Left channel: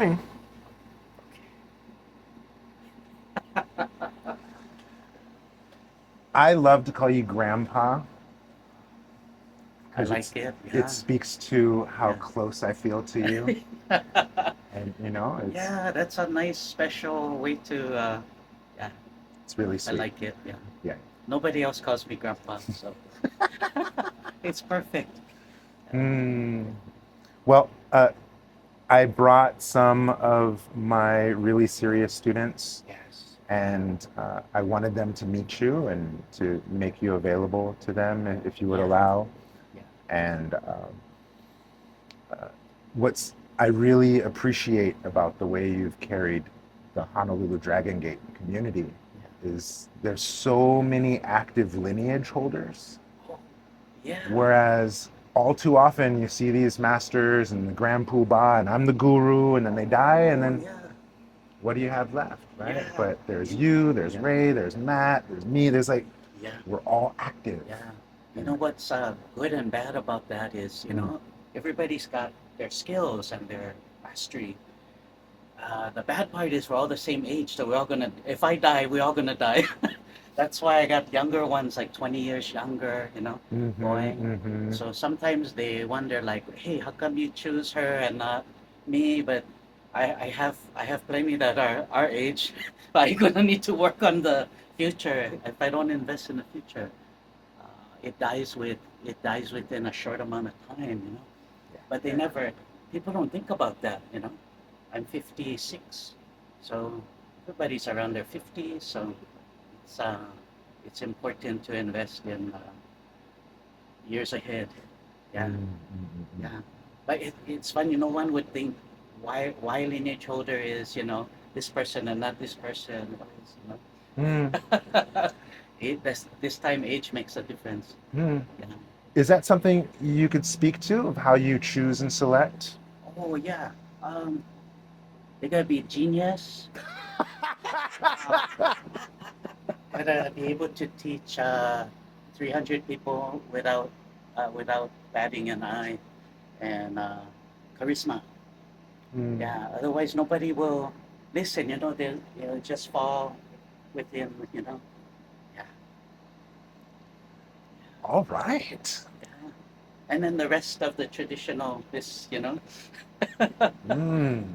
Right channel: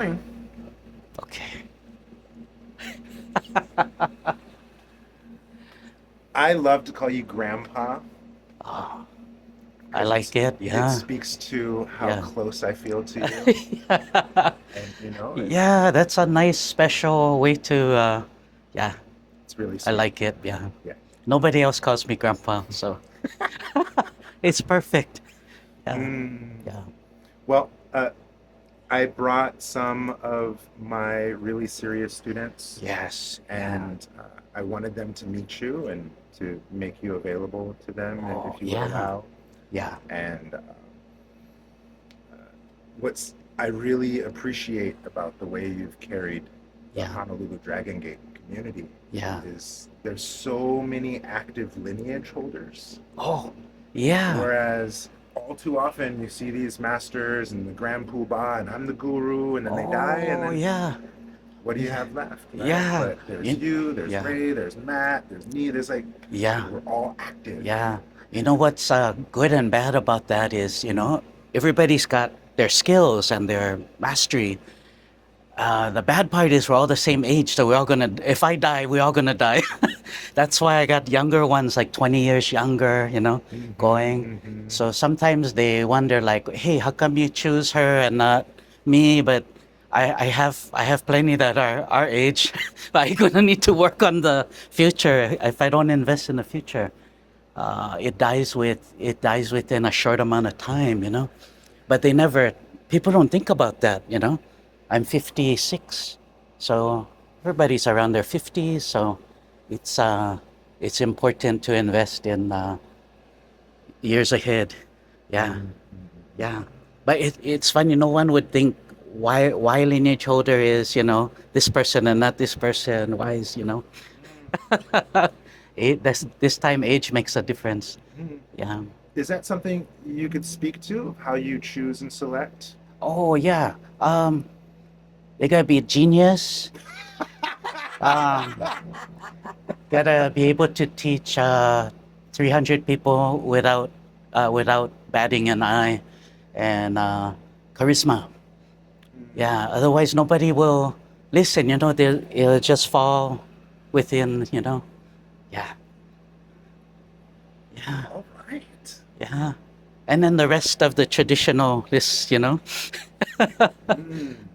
Okay. I love to call you Grandpa Oh, I because like it. it Yeah. speaks to how Yeah. close I feel to you, and it's Yeah, that's a nice special way to yeah, it's really I sweet. like it. Yeah. Yeah. Nobody else calls me grandpa, so it's perfect. Yeah. Mm. Yeah. Well, I brought some of my really serious students, Yes. Yeah. and I wanted them to meet you and to make you available to them Oh, if you would yeah. allow. Yeah. And what's I really appreciate about the way you've carried the Yeah. Honolulu Dragon Gate community Yeah. is there's so many active lineage holders, Oh, yeah. whereas all too often you see these masters and the grand poobah and I'm the guru and then they die and Oh, then yeah. what do you Yeah. have left, right? Yeah. But there's You, you, there's yeah. Ray, there's Matt, there's me, there's like Yeah. we're all active. Yeah. You And know what's good and bad about that is, everybody's got their skills and their mastery. The bad part is we're all the same age, so we're all gonna. If I die, we're all gonna die. That's why I got younger ones, like 20 years younger, going. mm-hmm. So sometimes they wonder, like, "Hey, how come you choose her and not me?" But I have plenty that are our age. I'm gonna need to work on the future. If I don't invest in the future, it dies within a short amount of time. But they never, people don't think about that. I'm 56, so everybody's around their 50s, so it's uh it's important to invest in years ahead. Yeah, Mm-hmm. yeah. But it's funny, no one would think why lineage holder is, this person and not this person. Why is. Mm-hmm. This time age makes a difference. Mm-hmm. Yeah. Is that something you could speak to of how you choose and select? Oh yeah. They gotta be a genius. Um, gotta be able to teach 300 people without batting an eye, and charisma. Mm. Yeah. Otherwise, nobody will listen. It'll just fall within. Yeah. Yeah. All right. Yeah. And then the rest of the traditional is. Mm.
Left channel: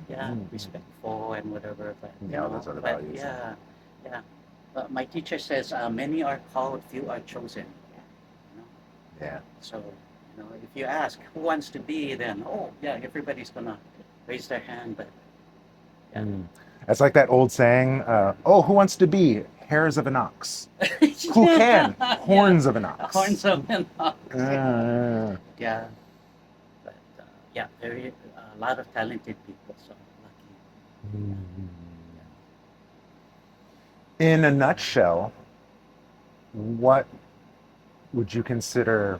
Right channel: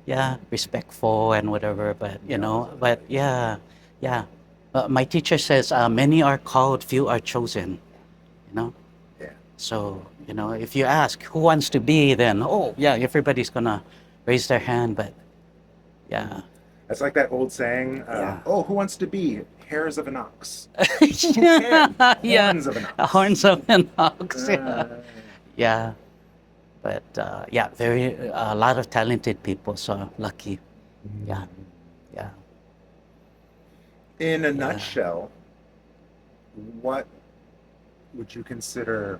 Yeah, Mm. respectful and whatever. But Yeah, all those other but values. yeah, yeah. My teacher says many are called, few are chosen. You know, Yeah. so if you ask who wants to be, then oh yeah, everybody's gonna raise their hand. But yeah, Mm. It's like that old saying, yeah, oh, who wants to be hairs of an ox? Who can? yeah, Horns of an ox. horns of an ox. Yeah, Uh, yeah. But yeah, very a lot of talented people. So lucky. Yeah, yeah, in a yeah. nutshell, what would you consider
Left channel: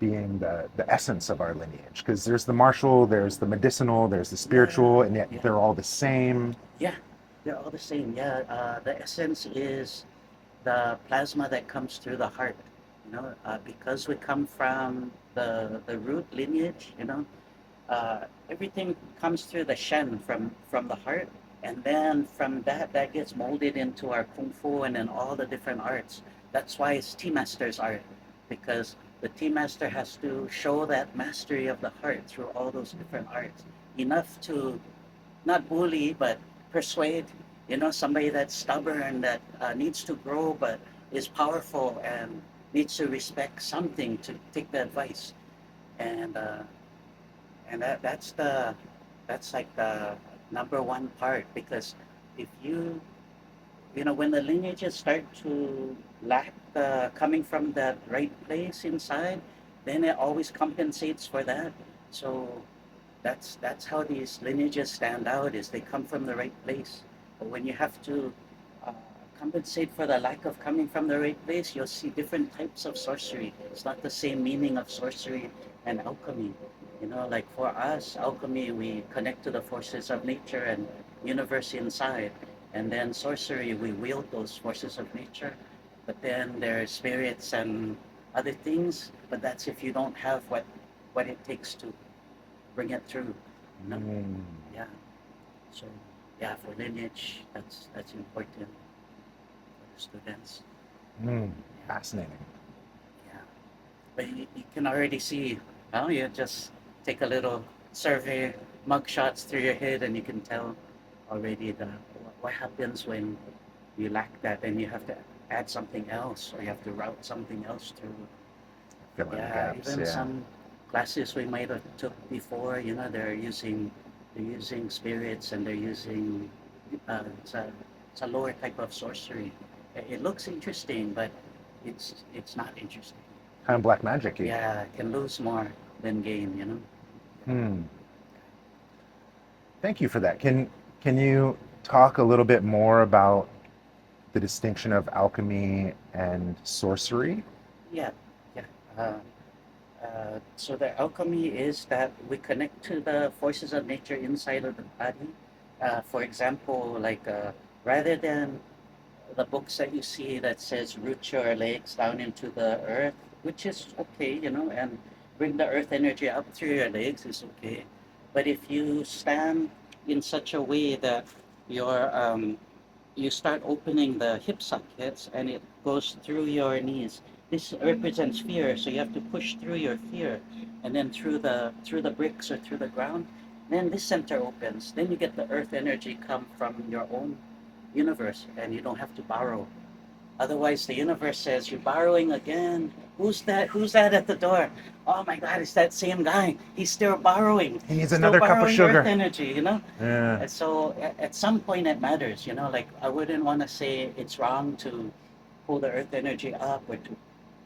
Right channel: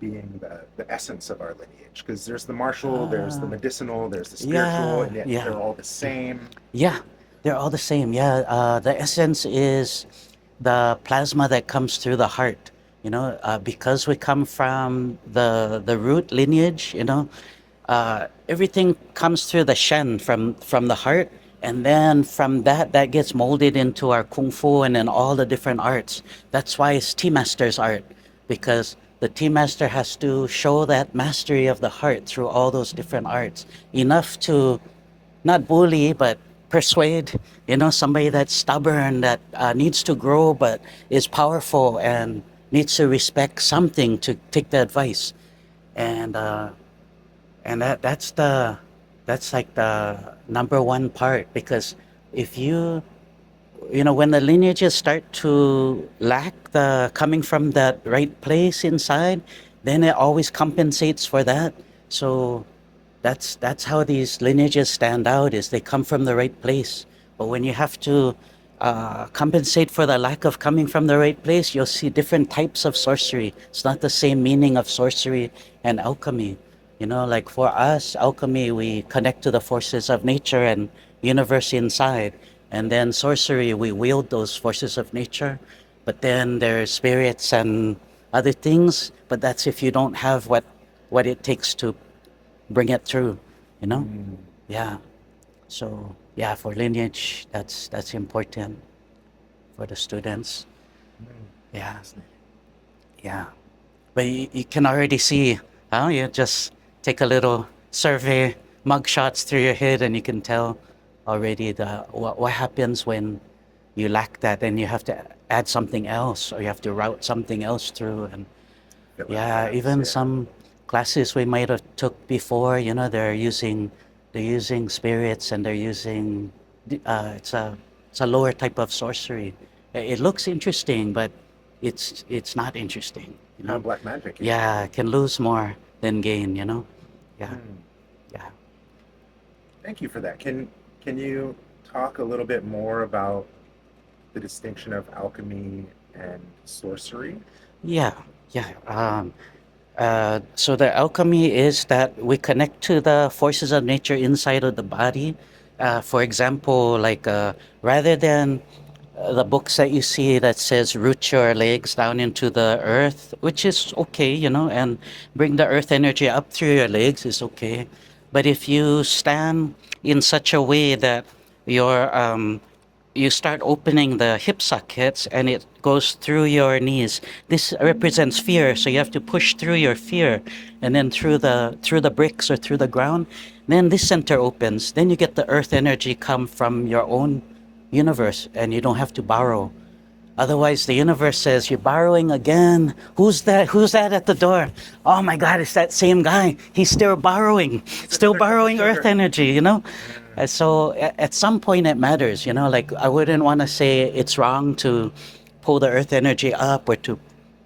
being the essence of our lineage? Because there's the martial, there's the Uh, medicinal, there's the spiritual, yeah, and yet yeah. they're all the same. Yeah, they're all the same. Yeah, the essence is the plasma that comes through the heart. Because we come from the root lineage. Everything comes through the shen from the heart, and then from that gets molded into our kung fu and then all the different arts. That's why it's tea master's art, because the tea master has to show that mastery of the heart through all those different arts, enough to not bully, but persuade, somebody that's stubborn, that needs to grow, but is powerful and needs to respect something to take the advice. And that's like the number one part, because if when the lineages start to lack the coming from that right place inside, then it always compensates for that. So that's how these lineages stand out, is they come from the right place. But when you have to compensate for the lack of coming from the right place, you'll see different types of sorcery. It's not the same meaning of sorcery and alchemy. Like for us, alchemy, we connect to the forces of nature and universe inside. And then sorcery, we wield those forces of nature. But then there's spirits and other things. But that's if you don't have what it takes to bring it through, you know? Mm. Yeah. So yeah, for lineage, that's important for the students. Yeah, Fascinating. yeah. But you can already see, huh? You just take a little survey, mug shots through your head, and you can tell already what happens when you lack that, and you have to add something else, or you have to route something else through. And Fill in the yeah, gaps. even Yeah. some classes we might have took before, they're using spirits, and they're using it's a lower type of sorcery. It looks interesting, but it's not interesting, you Kind know. of black magic-y. Yeah, can lose more than gain, you know. Yeah, Hmm. yeah, Thank you for that. Can you talk a little bit more about the distinction of alchemy and sorcery? yeah, yeah. So the alchemy is that we connect to the forces of nature inside of the body. For example, rather than the books that you see that says root your legs down into the earth, which is okay, you know, and bring the earth energy up through your legs is okay. But if you stand in such a way that your you start opening the hip sockets and it goes through your knees. This represents fear, so you have to push through your fear, and then through the bricks or through the ground. Then this center opens. Then you get the earth energy come from your own universe, and you don't have to borrow. Otherwise, the universe says, "You're borrowing again. Who's that? Who's that at the door? Oh my God, it's that same guy. He's still borrowing, He needs still another cup of borrowing earth sugar. energy, you know?" Yeah. And so at some point it matters, you know, like I wouldn't want to say it's wrong to pull the earth energy up or to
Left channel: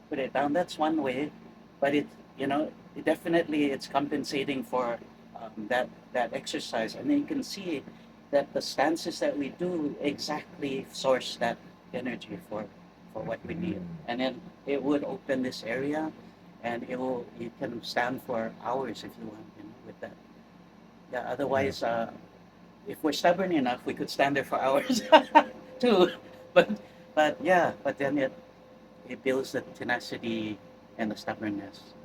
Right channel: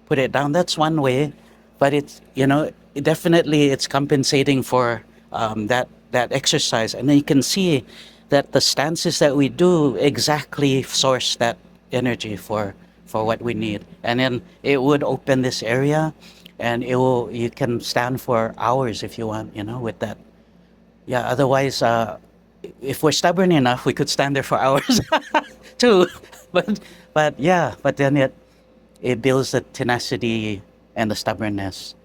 put it down. That's one way, but it's, you know, definitely it's compensating for that exercise. And then you can see that the stances that we do exactly source that energy for what we need. And then it would open this area, and you can stand for hours if you want, you know, with that. Yeah, otherwise, if we're stubborn enough, we could stand there for hours too. But but then it builds the tenacity and the stubbornness.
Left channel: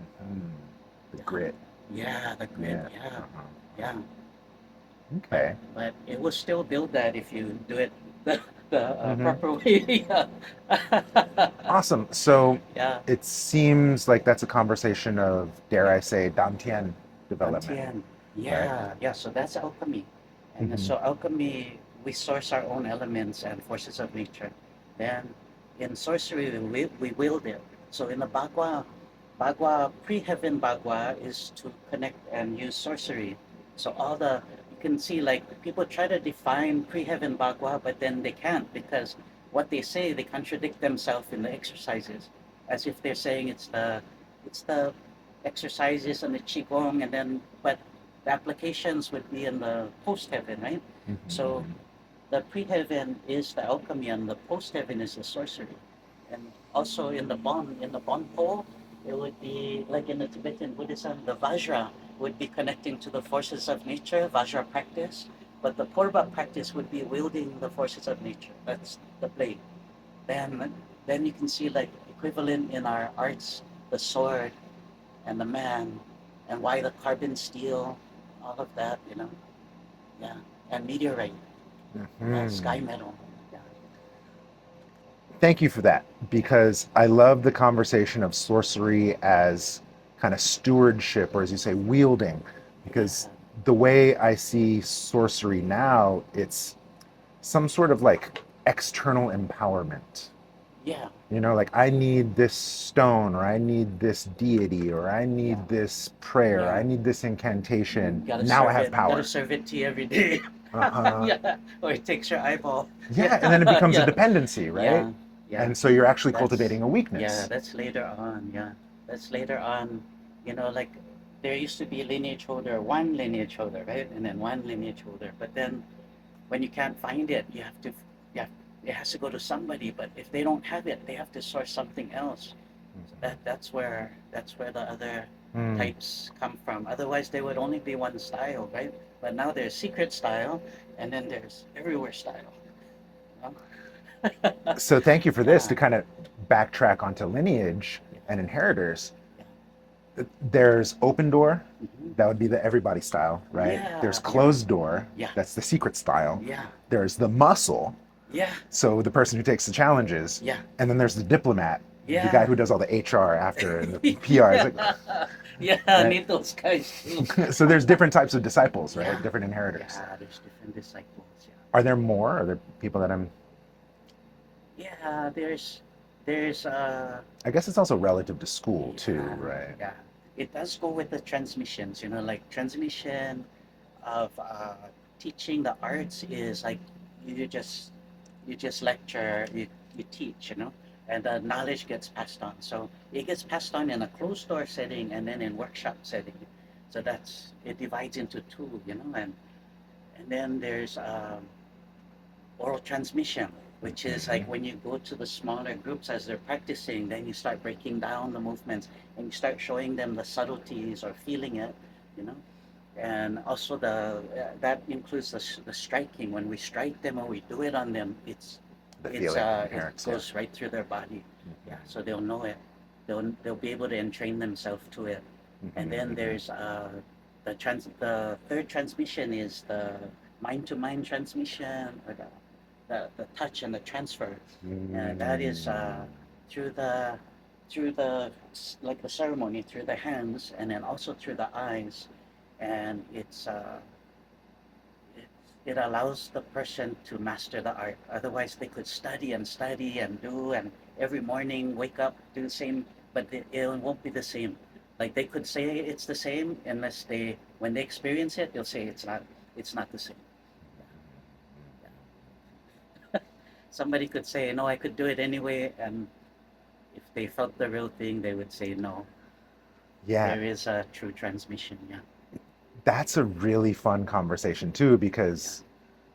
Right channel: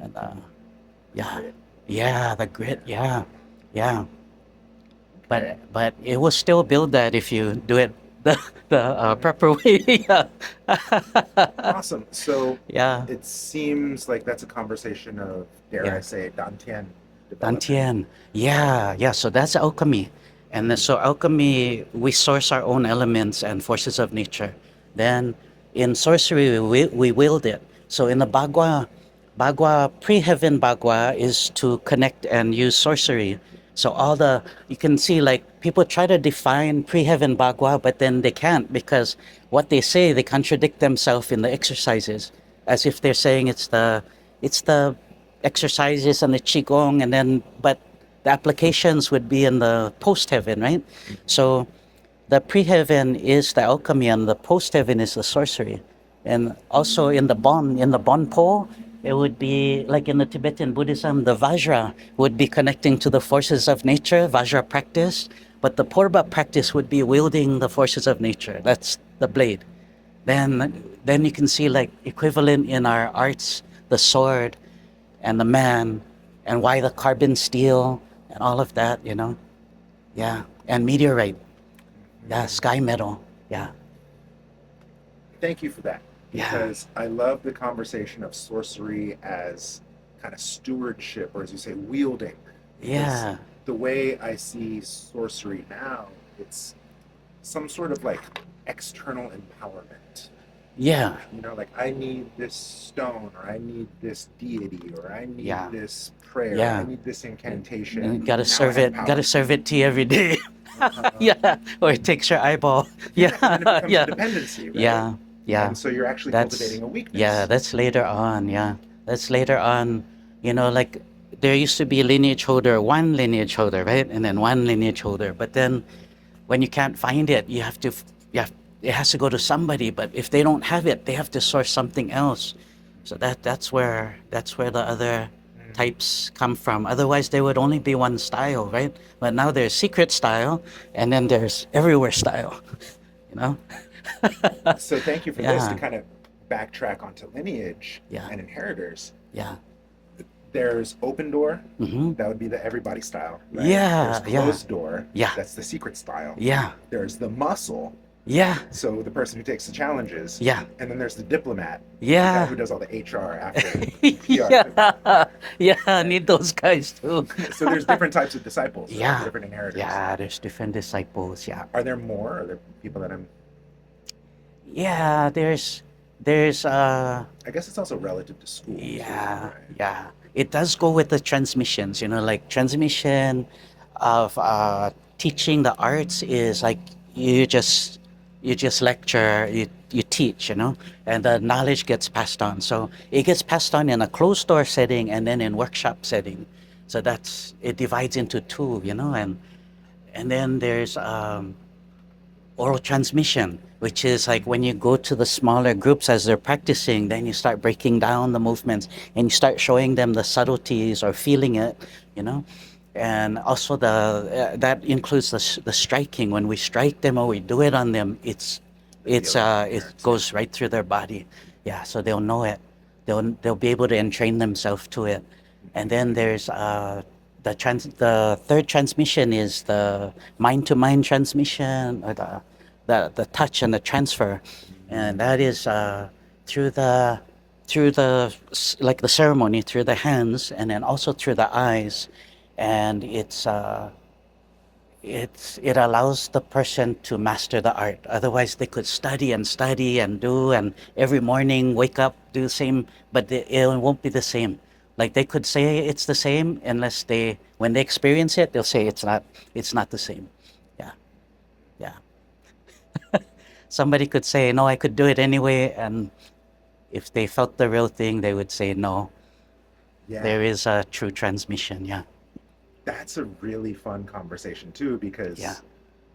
And, The yeah, grit. yeah, the grit. Yeah. Yeah, yeah. Okay. But it will still build that if you do it the proper way. Yeah, Awesome. So yeah. it seems like that's a conversation of, dare Yeah. I say, dantian development, Dantian. right? Yeah, yeah. So that's alchemy. And so alchemy, we source our own elements and forces of nature. Then in sorcery, we wield it. So in the Bagua, pre-heaven Bagua is to connect and use sorcery. So you can see like people try to define pre-heaven Bagua, but then they can't because what they say, they contradict themselves in the exercises as if they're saying it's the exercises and the qigong, and then but the applications would be in the post heaven, right? So the pre heaven is the alchemy, and the post heaven is the sorcery. And also in the bon po, it would be like in the Tibetan Buddhism, the Vajra would be connecting to the forces of nature, Vajra practice. But the Purba practice would be wielding the forces of nature. That's the blade. Then you can see like equivalent in our arts, the sword and the man, and why the carbon steel and all of that, you know. Yeah, and meteorite, yeah, sky metal. Yeah, Thank you for that, yeah, because I love the conversation of sorcery as kind of stewardship, or as you say, wielding. Because yeah, the way I see sorcery now, it's some sort of like external empowerment. yeah, You know, like I need this stone, or I need this deity, or I need yeah, this prayer, I yeah. need this And incantation. gotta Now I serve have it, gotta power. serve it to you every day. Uh-huh. Yeah, or it takes your eyeball. Yeah, and then it Yeah, becomes a yeah, dependency, right? yeah, yeah. And so you're actually That's cultivating a yeah, weakness. that's later on. Yeah, that's later on. You know, like there used to be lineage holder, one lineage holder, right, and then one lineage holder. But then when you can't find it, you have to, yeah, it has to go to somebody. But if they don't have it, they have to source something else. So that's where the other types come from. Otherwise, there would only be one style, right? But now there's secret style, and then there's everywhere style. You know? So thank you for this to Yeah, kind of backtrack onto lineage yeah, and inheritors. yeah, There's open door, Mm-hmm. that would be the everybody style, right? There's Yeah, yeah, closed door, yeah, that's the secret style. yeah, There's the muscle, yeah, so the person who takes the challenges, yeah, and then there's the diplomat, the guy yeah. who does all the HR after and the PR. It's like, Yeah, yeah, I right? need those guys too. So there's different types of disciples, right? Yeah, Different inheritors. yeah, there's different disciples. Yeah, Are there more? Are there people that I'm? yeah, there's I guess it's also relative to school too, yeah, right? yeah. It does go with the transmissions, like transmission of teaching the arts is like you just you just lecture, you teach, and the knowledge gets passed on. So it gets passed on in a closed door setting and then in workshop setting. So that's it divides into two, and then there's oral transmission, which is like when you go to the smaller groups as they're practicing, then you start breaking down the movements and you start showing them the subtleties or feeling it, you know. And also that includes the striking. When we strike them or we do it on them, They feel it. it Parents, yeah. goes right through their body. Yeah, so they'll know it. They'll be able to entrain themselves to it. And then there's the third transmission is the mind to mind transmission, or the touch and the transfer, and that is through the like the ceremony, through the hands and then also through the eyes, and it allows the person to master the art. Otherwise, they could study and do, and every morning wake up, do the same, but it won't be the same. Like they could say it's the same unless when they experience it, they'll say it's not the same. Yeah, yeah. Somebody could say, no, I could do it anyway, and if they felt the real thing, they would say, no, Yeah, there is a true transmission. Yeah, that's a really fun conversation too, yeah, because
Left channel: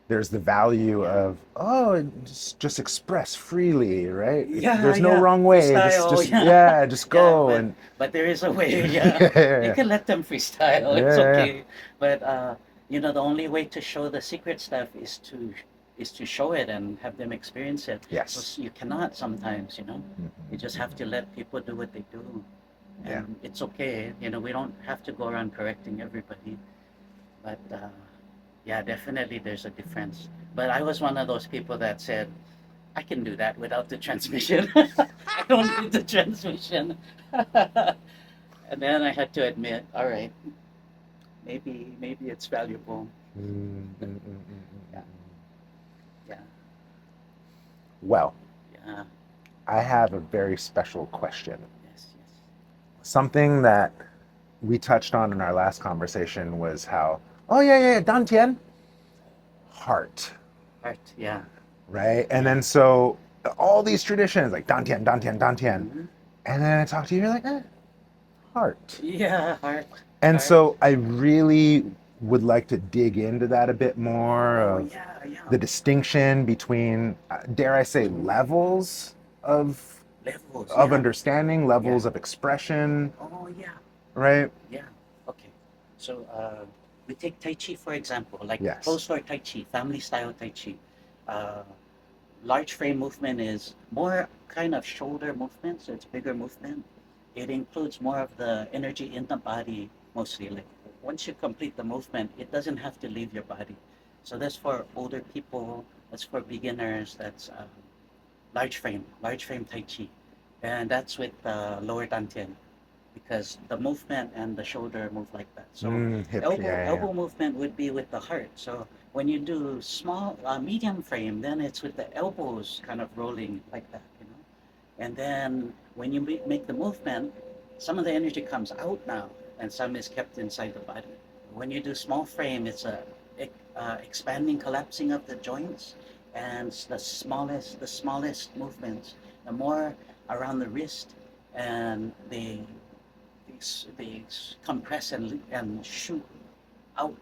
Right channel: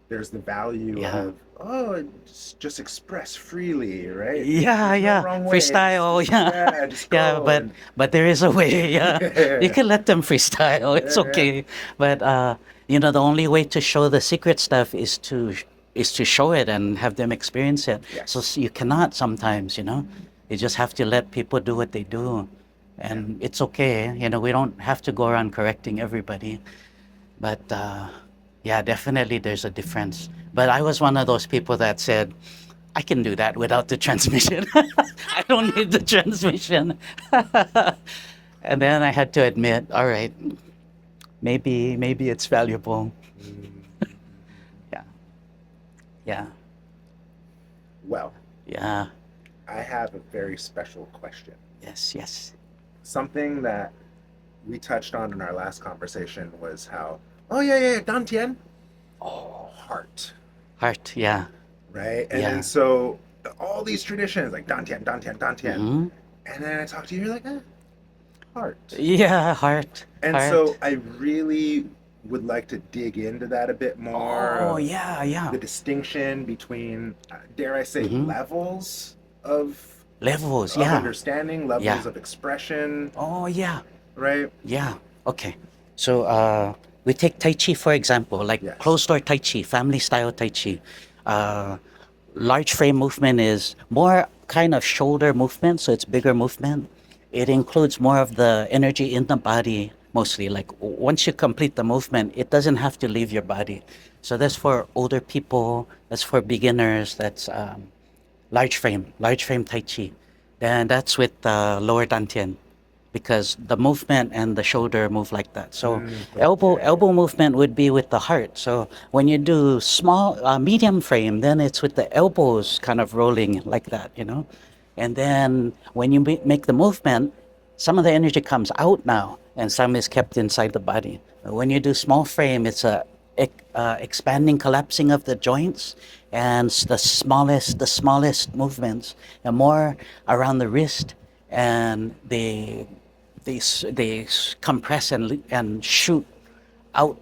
there's the value yeah. of, oh, just express freely, right? Yeah, There's no yeah. wrong way. Freestyle, Just yeah. yeah, just Yeah, go and but there is a way, yeah. yeah, yeah, You yeah, can let them freestyle. It's yeah. okay. But the only way to show the secret stuff is to show it and have them experience it. So Yes. you cannot sometimes. Mhm. You just have to let people do what they do. Yeah. And it's okay. We don't have to go around correcting everybody. But yeah, definitely there's a difference. But I was one of those people that said, I can do that without the transmission. I don't need the transmission. And then I had to admit, all right, maybe it's valuable. Mm, mm, mm, mm, mm. Yeah, yeah, Well, yeah. I have a very special question. Yes, yes. Something that we touched on in our last conversation was how, oh yeah, yeah, Dantian, heart, Heart, yeah, right? And then yeah. so all these traditions like Dantian, Dantian, Dantian, Hmm. and then I talk to you, you're like, heart. Yeah, heart, And heart. so I really would like to dig into that a bit more Oh, of yeah, yeah. the distinction between, dare I say, Hmm. levels of Levels, yeah, understanding, yeah. levels of expression, Oh, yeah. right? Yeah. Okay. So we take Tai Chi for example, like Yes. closed door Tai Chi, family style Tai Chi. Uh, Large frame movement is more kind of shoulder movement, so it's bigger movement. It includes more of the energy in the body mostly. Like once you complete the movement, it doesn't have to leave your body. So that's for older people. That's for beginners. That's large frame Tai Chi. Then that's with lower Dantian because the movement and the shoulder move like that. So Yeah, yeah, yeah, yeah. elbow movement would be with the heart. So when you do small medium frame, then it's with the elbows kind of rolling like that. And then when you make the movement, some of the energy comes out now, and some is kept inside the body. When you do small frame, it's a expanding, collapsing of the joints, and the smallest movements, and more around the wrist, and they compress and shoot out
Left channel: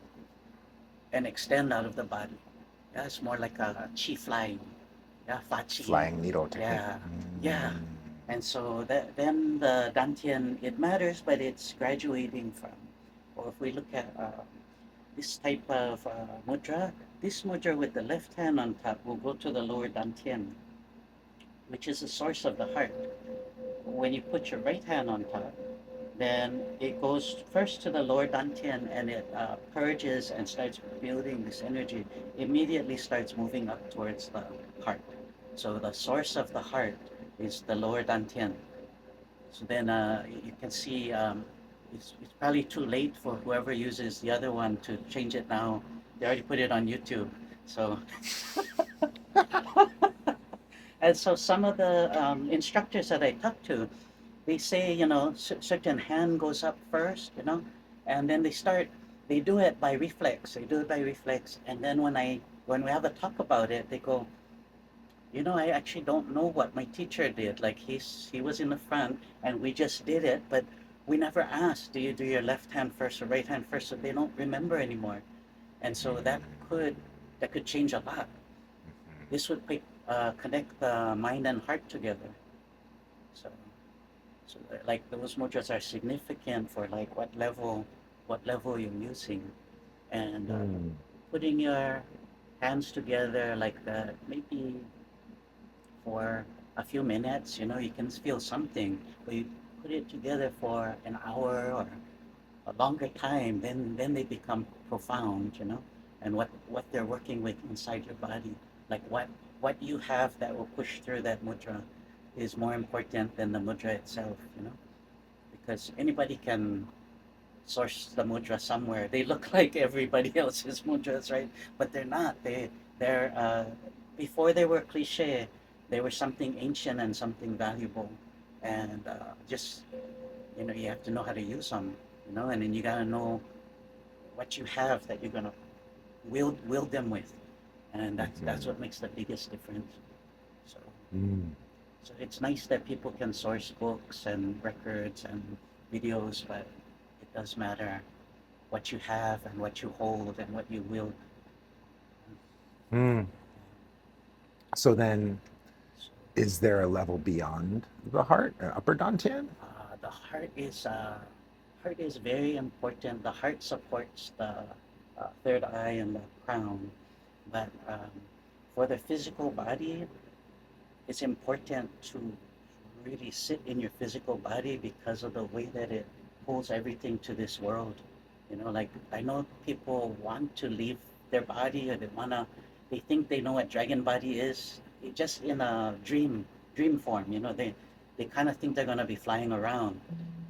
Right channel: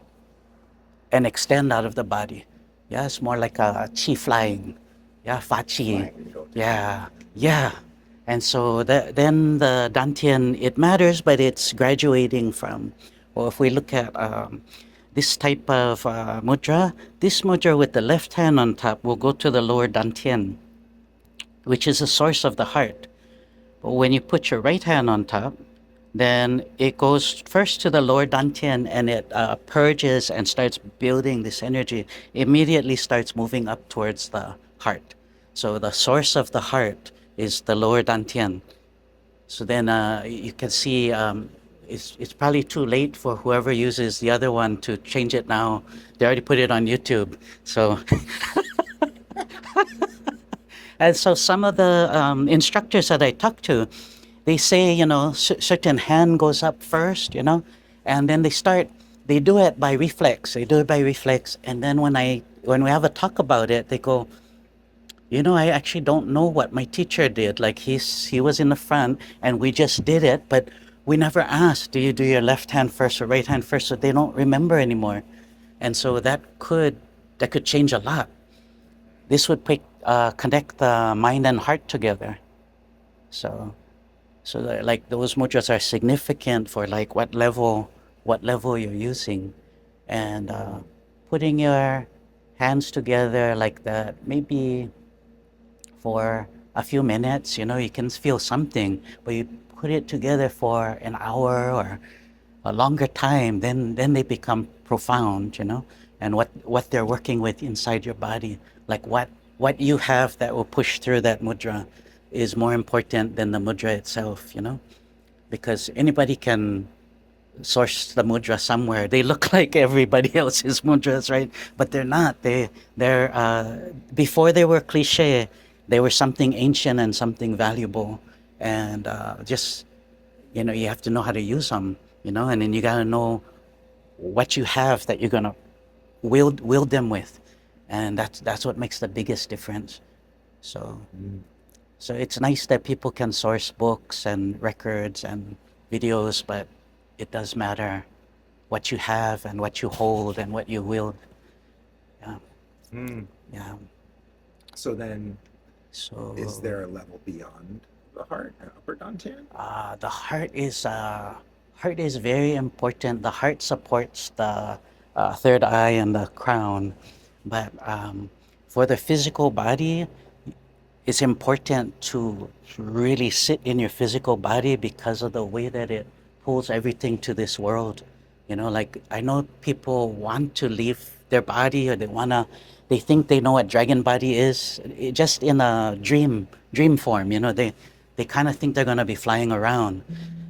and extend out of the body. Yeah, it's more like a chi flying. Yeah, fa chi. Flying needle technique. Yeah, yeah. And so then the dantian, it matters, but it's graduating from, well, if we look at this type of mudra, this mudra with the left hand on top will go to the lower dantian, which is the source of the heart. But when you put your right hand on top, Then it goes first to the lower dantian and it purges and starts building this energy. Immediately starts moving up towards the heart. So the source of the heart is the lower dantian. So then you can see it's probably too late for whoever uses the other one to change it now. They already put it on YouTube. So and so some of the instructors that I talk to, they say, you know, certain hand goes up first, you know, and then they do it by reflex. They do it by reflex. And then when we have a talk about it, they go, you know, I actually don't know what my teacher did. Like he was in the front and we just did it, but we never asked, do you do your left hand first or right hand first? So they don't remember anymore. And so that could change a lot. This would connect the mind and heart together. So like those mudras are significant for like what level you're using, and Mm. putting your hands together like that, maybe for a few minutes. You know, you can feel something, but you put it together for an hour or a longer time, then they become profound, you know, and what they're working with inside your body, like what you have that will push through that mudra is more important than the mudra itself, you know, because anybody can source the mudra somewhere. They look like everybody else's mudras, right? But they're not. They're before they were cliche, they were something ancient and something valuable, and just, you know, you have to know how to use them, you know, and then you got to know what you have that you're gonna wield them with, and that's what makes the biggest difference. So Mm. so it's nice that people can source books and records and videos, but it does matter what you have and what you hold and what you wield. Yeah, Mm. yeah. So then, is So there a level beyond the heart, upper dantian? the heart is very important. The heart supports the third eye and the crown, but for the physical body, it's important to really sit in your physical body because of the way that it pulls everything to this world. You know, like I know people want to leave their body, or they think they know what dragon body is, just in a dream form. You know, they kind of think they're gonna be flying around,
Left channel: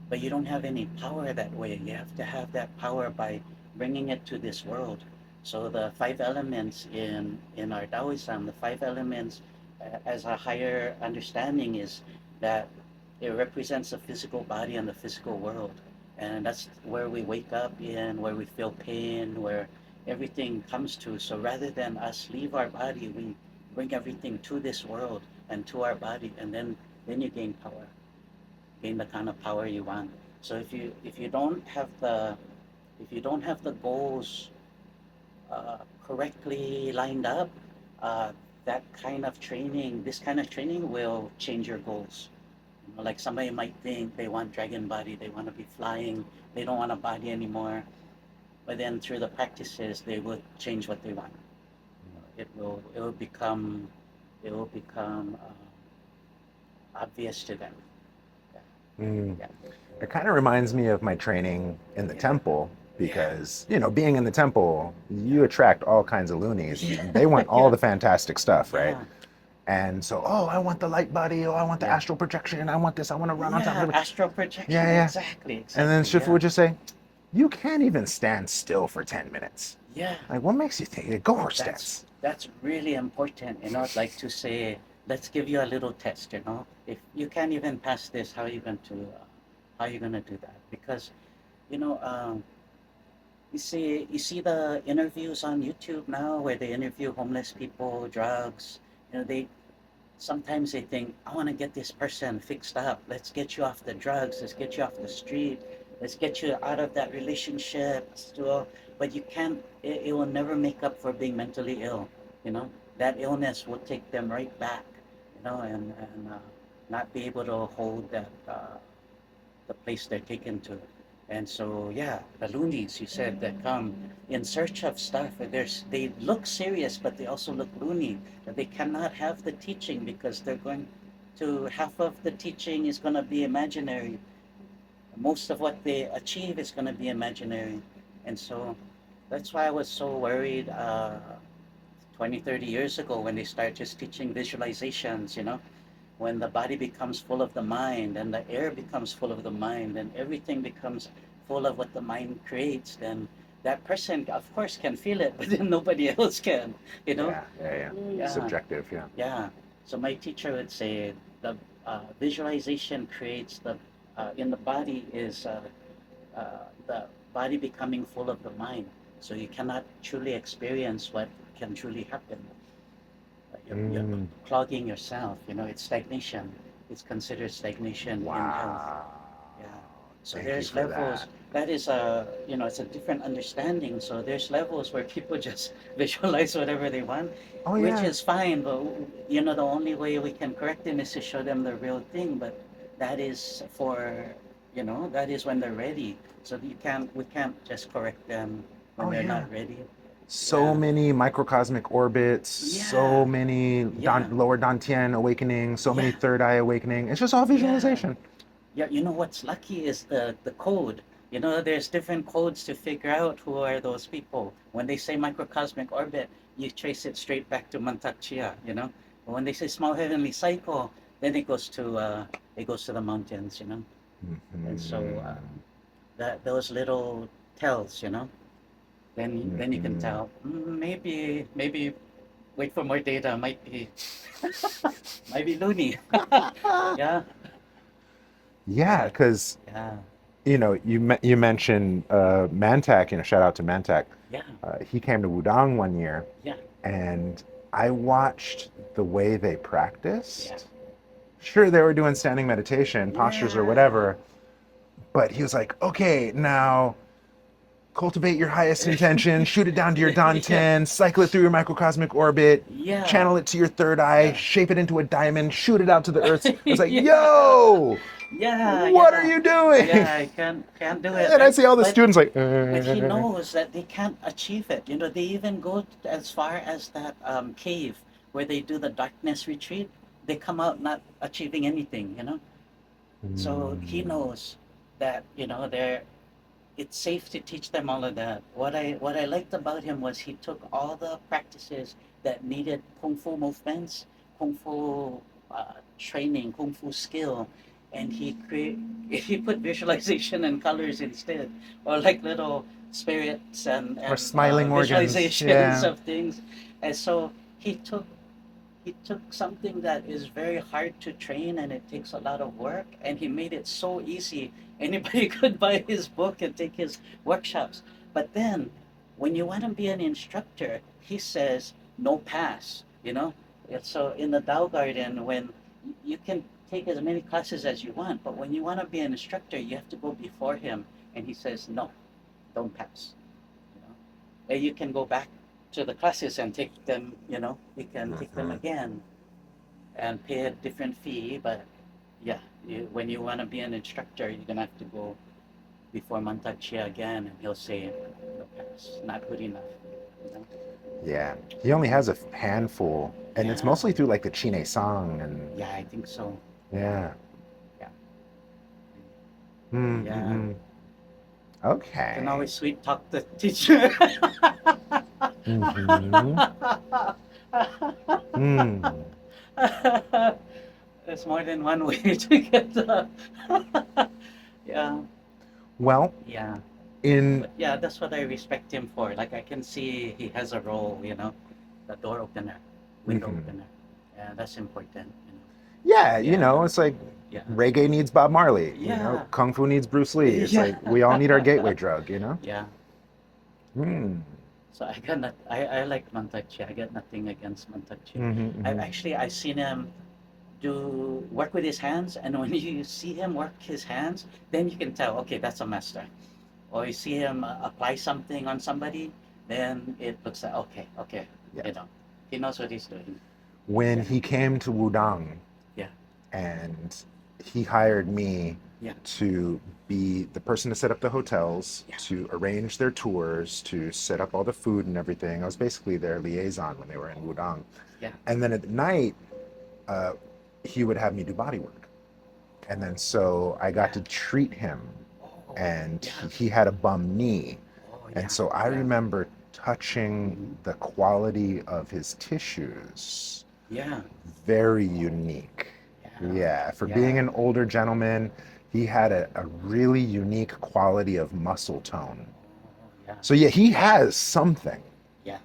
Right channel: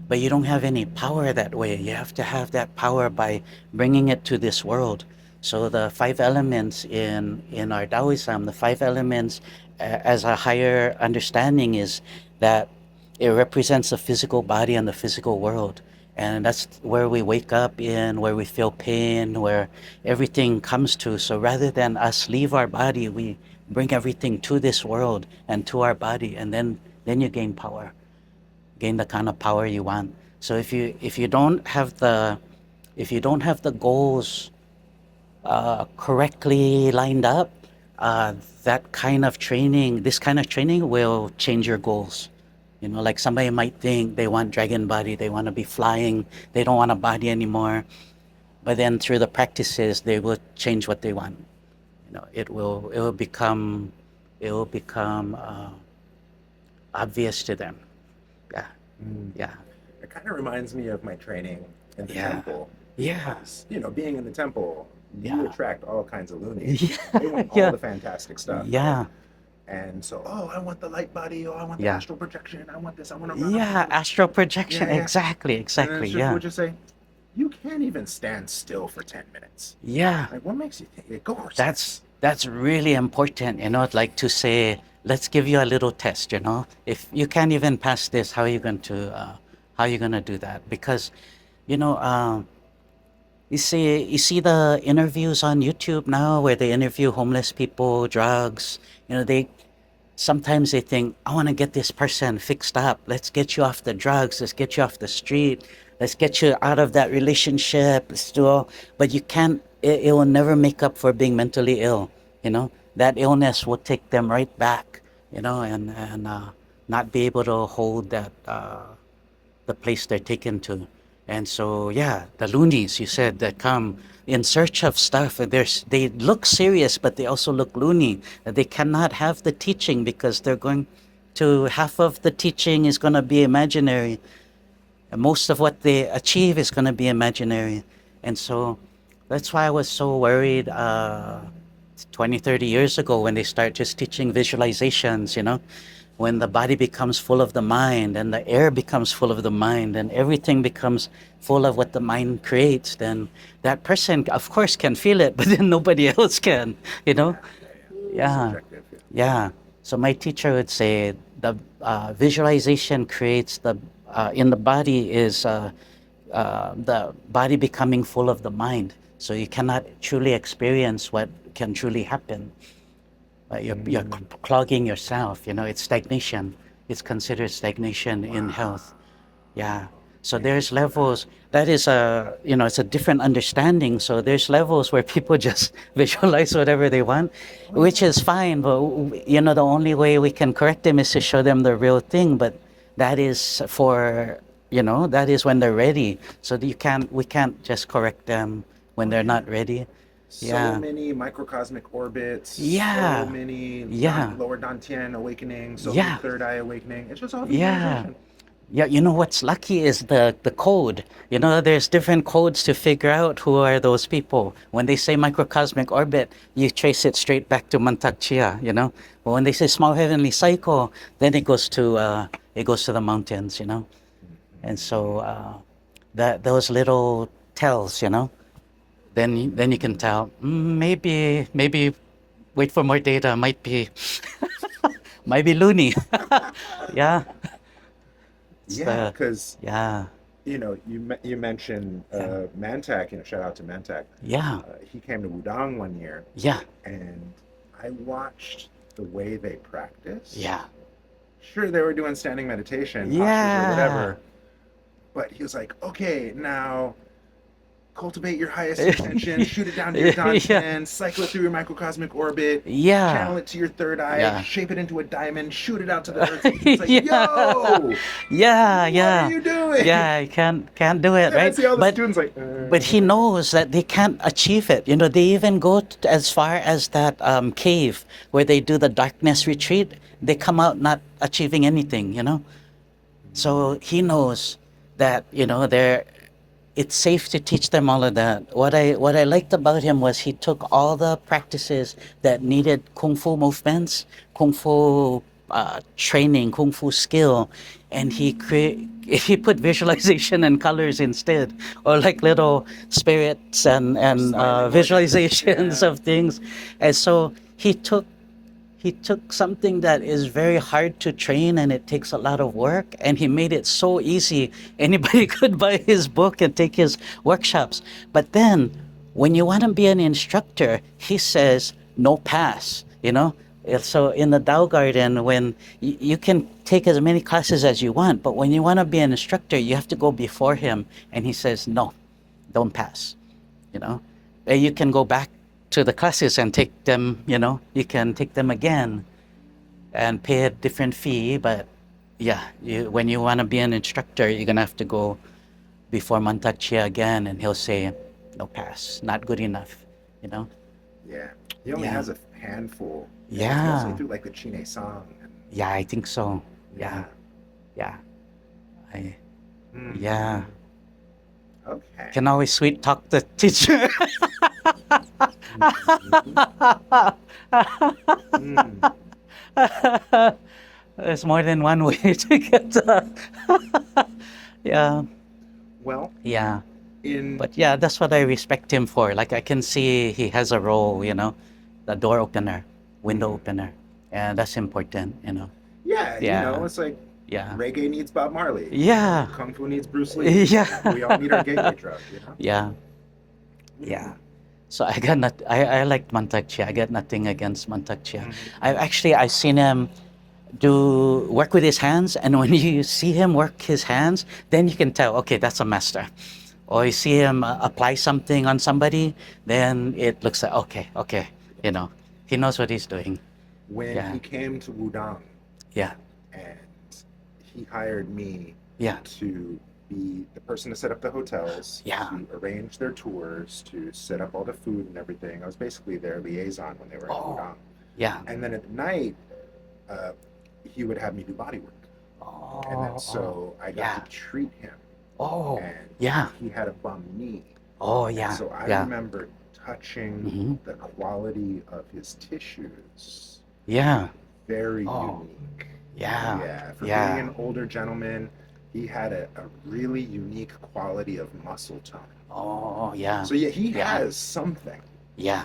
but you don't have any power that way. You have to have that power by bringing it to this world. So the five elements in our Taoism, the five elements as a higher understanding is that it represents the physical body and the physical world. And that's where we wake up in, where we feel pain, where everything comes to. So rather than us leave our body, we bring everything to this world and to our body, and then you gain the kind of power you want. So if you don't have the goals correctly lined up, that kind of training, this kind of training will change your goals. You know, like somebody might think they want dragon body, they want to be flying, they don't want a body anymore. But then through the practices, they will change what they want. You know, it will become obvious to them. Yeah, Mm. yeah, It kind of reminds me of my training in the yeah, temple yeah, because, you know, being in the temple, you yeah, attract all kinds of loonies. They want all yeah, the fantastic stuff, right? yeah, And so, oh, I want the light body. Oh, I want the yeah. astral projection. I want this. I want to run on top Yeah, of it. astral projection. Yeah, yeah. Exactly, And then exactly. Shifu Yeah, would just say, you can't even stand still for 10 minutes. yeah. Like, what makes you think? Go horse stance. That's really important. You know, like to say, let's give you a little test. You know, if you can't even pass this, how are you going to do that? Because, you know, you see the interviews on YouTube now where they interview homeless people, drugs. You know, they sometimes they think, I want to get this person fixed up. Let's get you off the drugs. Let's get you off the street. Let's get you out of that relationship. Let's do all. But you can't, it will never make up for being mentally ill. You know, that illness will take them right back, you know, and not be able to hold the place they're taken to. And so, yeah, the loonies, you said, that come in search of stuff. And they look serious, but they also look loony. They cannot have the teaching because they're going to, half of the teaching is going to be imaginary. And most of what they achieve is going to be imaginary. And so that's why I was so worried 20, 30 years ago when they start just teaching visualizations, when the body becomes full of the mind and the air becomes full of the mind and everything becomes full of what the mind creates, then that person, of course, can feel it, but then nobody else can, you know? Yeah, yeah, yeah. Yeah, Subjective, yeah. yeah. So my teacher would say the visualization creates in the body is the body becoming full of the mind. So you cannot truly experience what can truly happen. You're Mm, clogging yourself. It's stagnation. It's considered stagnation in health. wow. Yeah. So Thank you there's for that. levels. That is it's a different understanding. So there's levels where people just visualize whatever they want, Oh which yeah. is fine. But the only way we can correct them is to show them the real thing. But that is that is when they're ready. So we can't just correct them when Oh they're yeah. not ready. So Yeah. many microcosmic orbits, so Yeah. many Yeah. lower Dantian awakening, so many Yeah. third eye awakening. It's just all Yeah. visualization. Yeah, what's lucky is the code. There's different codes to figure out who are those people. When they say microcosmic orbit, you trace it straight back to Mantak Chia. But when they say small heavenly cycle, then it goes to the mountains. And so Mhm. that those little tells. Then you can Mhm. tell, maybe wait for more data, might be loony. Yeah. Yeah, So because yeah. you mentioned Yeah. Mantak. Shout out to Mantak. Yeah. He came to Wudang one year, Yeah. and I watched the way they Yeah. practiced. Sure, they were doing standing meditation postures or Yeah. whatever, but he was like, okay, now cultivate your highest intention, shoot it down to your Yeah. Dantian, cycle it through your microcosmic orbit, Yeah. channel it to your third eye, Yeah. shape it into a diamond, shoot it out to the earth. I was like, Yeah. yo, Yeah. what are Yeah. you doing? Yeah. I can't do it, And I right? see all the But students like, but he knows that they can't achieve it. They even go as far as that cave where they do the darkness retreat. They come out not achieving anything. So he knows that they're it's safe to teach them all of that. What I liked about him was he took all the practices that needed kung fu movements, kung fu training, kung fu skill, and he put visualization and colors instead, or like little spirits and or and smiling organs. visualizations Yeah. of things, and so he took something that is very hard to train and it takes a lot of work, and he made it so easy. Anybody could buy his book and take his workshops. But then when you want to be an instructor, he says no pass. So in the Tao Garden, when you can take as many classes as you want, but when you want to be an instructor, you have to go before him, and he says no, don't pass you know you can go back to the classes and take them. You can take them again and pay a different fee, but yeah, when you want to be an instructor, you're gonna have to go before Mantak again, and he'll say no pass, not good enough you know Yeah. He only yeah. has a handful, and it's mostly Yeah. through like the Chine Song and Yeah, I think so. Yeah. yeah. Yeah. I Yeah. Mm-hmm. Can Okay. always sweet talk the teacher. Mm-hmm. Mm. There's more than one way to get yeah. Well, Yeah. in But yeah, that's what I respect him for. Like I can see he has a role, the door opener, window mhm. opener. And that's important. Yeah, Yeah. it's like Yeah. reggae needs Bob Marley, Yeah. kung fu needs Bruce Lee. It's like Yeah. we all need our gateway drug. Yeah. Yeah. Mm. So I got not I like Mantak Chia. I got nothing against Mantak Chia. Mm-hmm, I mm-hmm. actually I've seen him do work with his hands, and when you see him work his hands, then you can tell, okay, that's a master. Or you see him apply something on somebody, then it looks like, okay, okay, Yeah. he knows what he's doing. When Yeah. he came to Wudang Yeah. and he hired me Yeah. to be the person to set up the hotels, Yeah. to arrange their tours, to set up all the food and everything. I was basically their liaison when they were in Oh. Wudang. Yeah. And then at night, he would have me do body work. And then Oh. so I got to Yeah. treat him Oh, and yeah. he had a bum knee. Oh, And yeah. so I Yeah. remember touching Mm-hmm. the quality of his tissues. Yeah. Very Oh, unique. yeah. Yeah, for being Yeah. an older gentleman, he had a really unique quality of muscle tone. Oh, yeah. So yeah, he Yeah. has something. Yeah.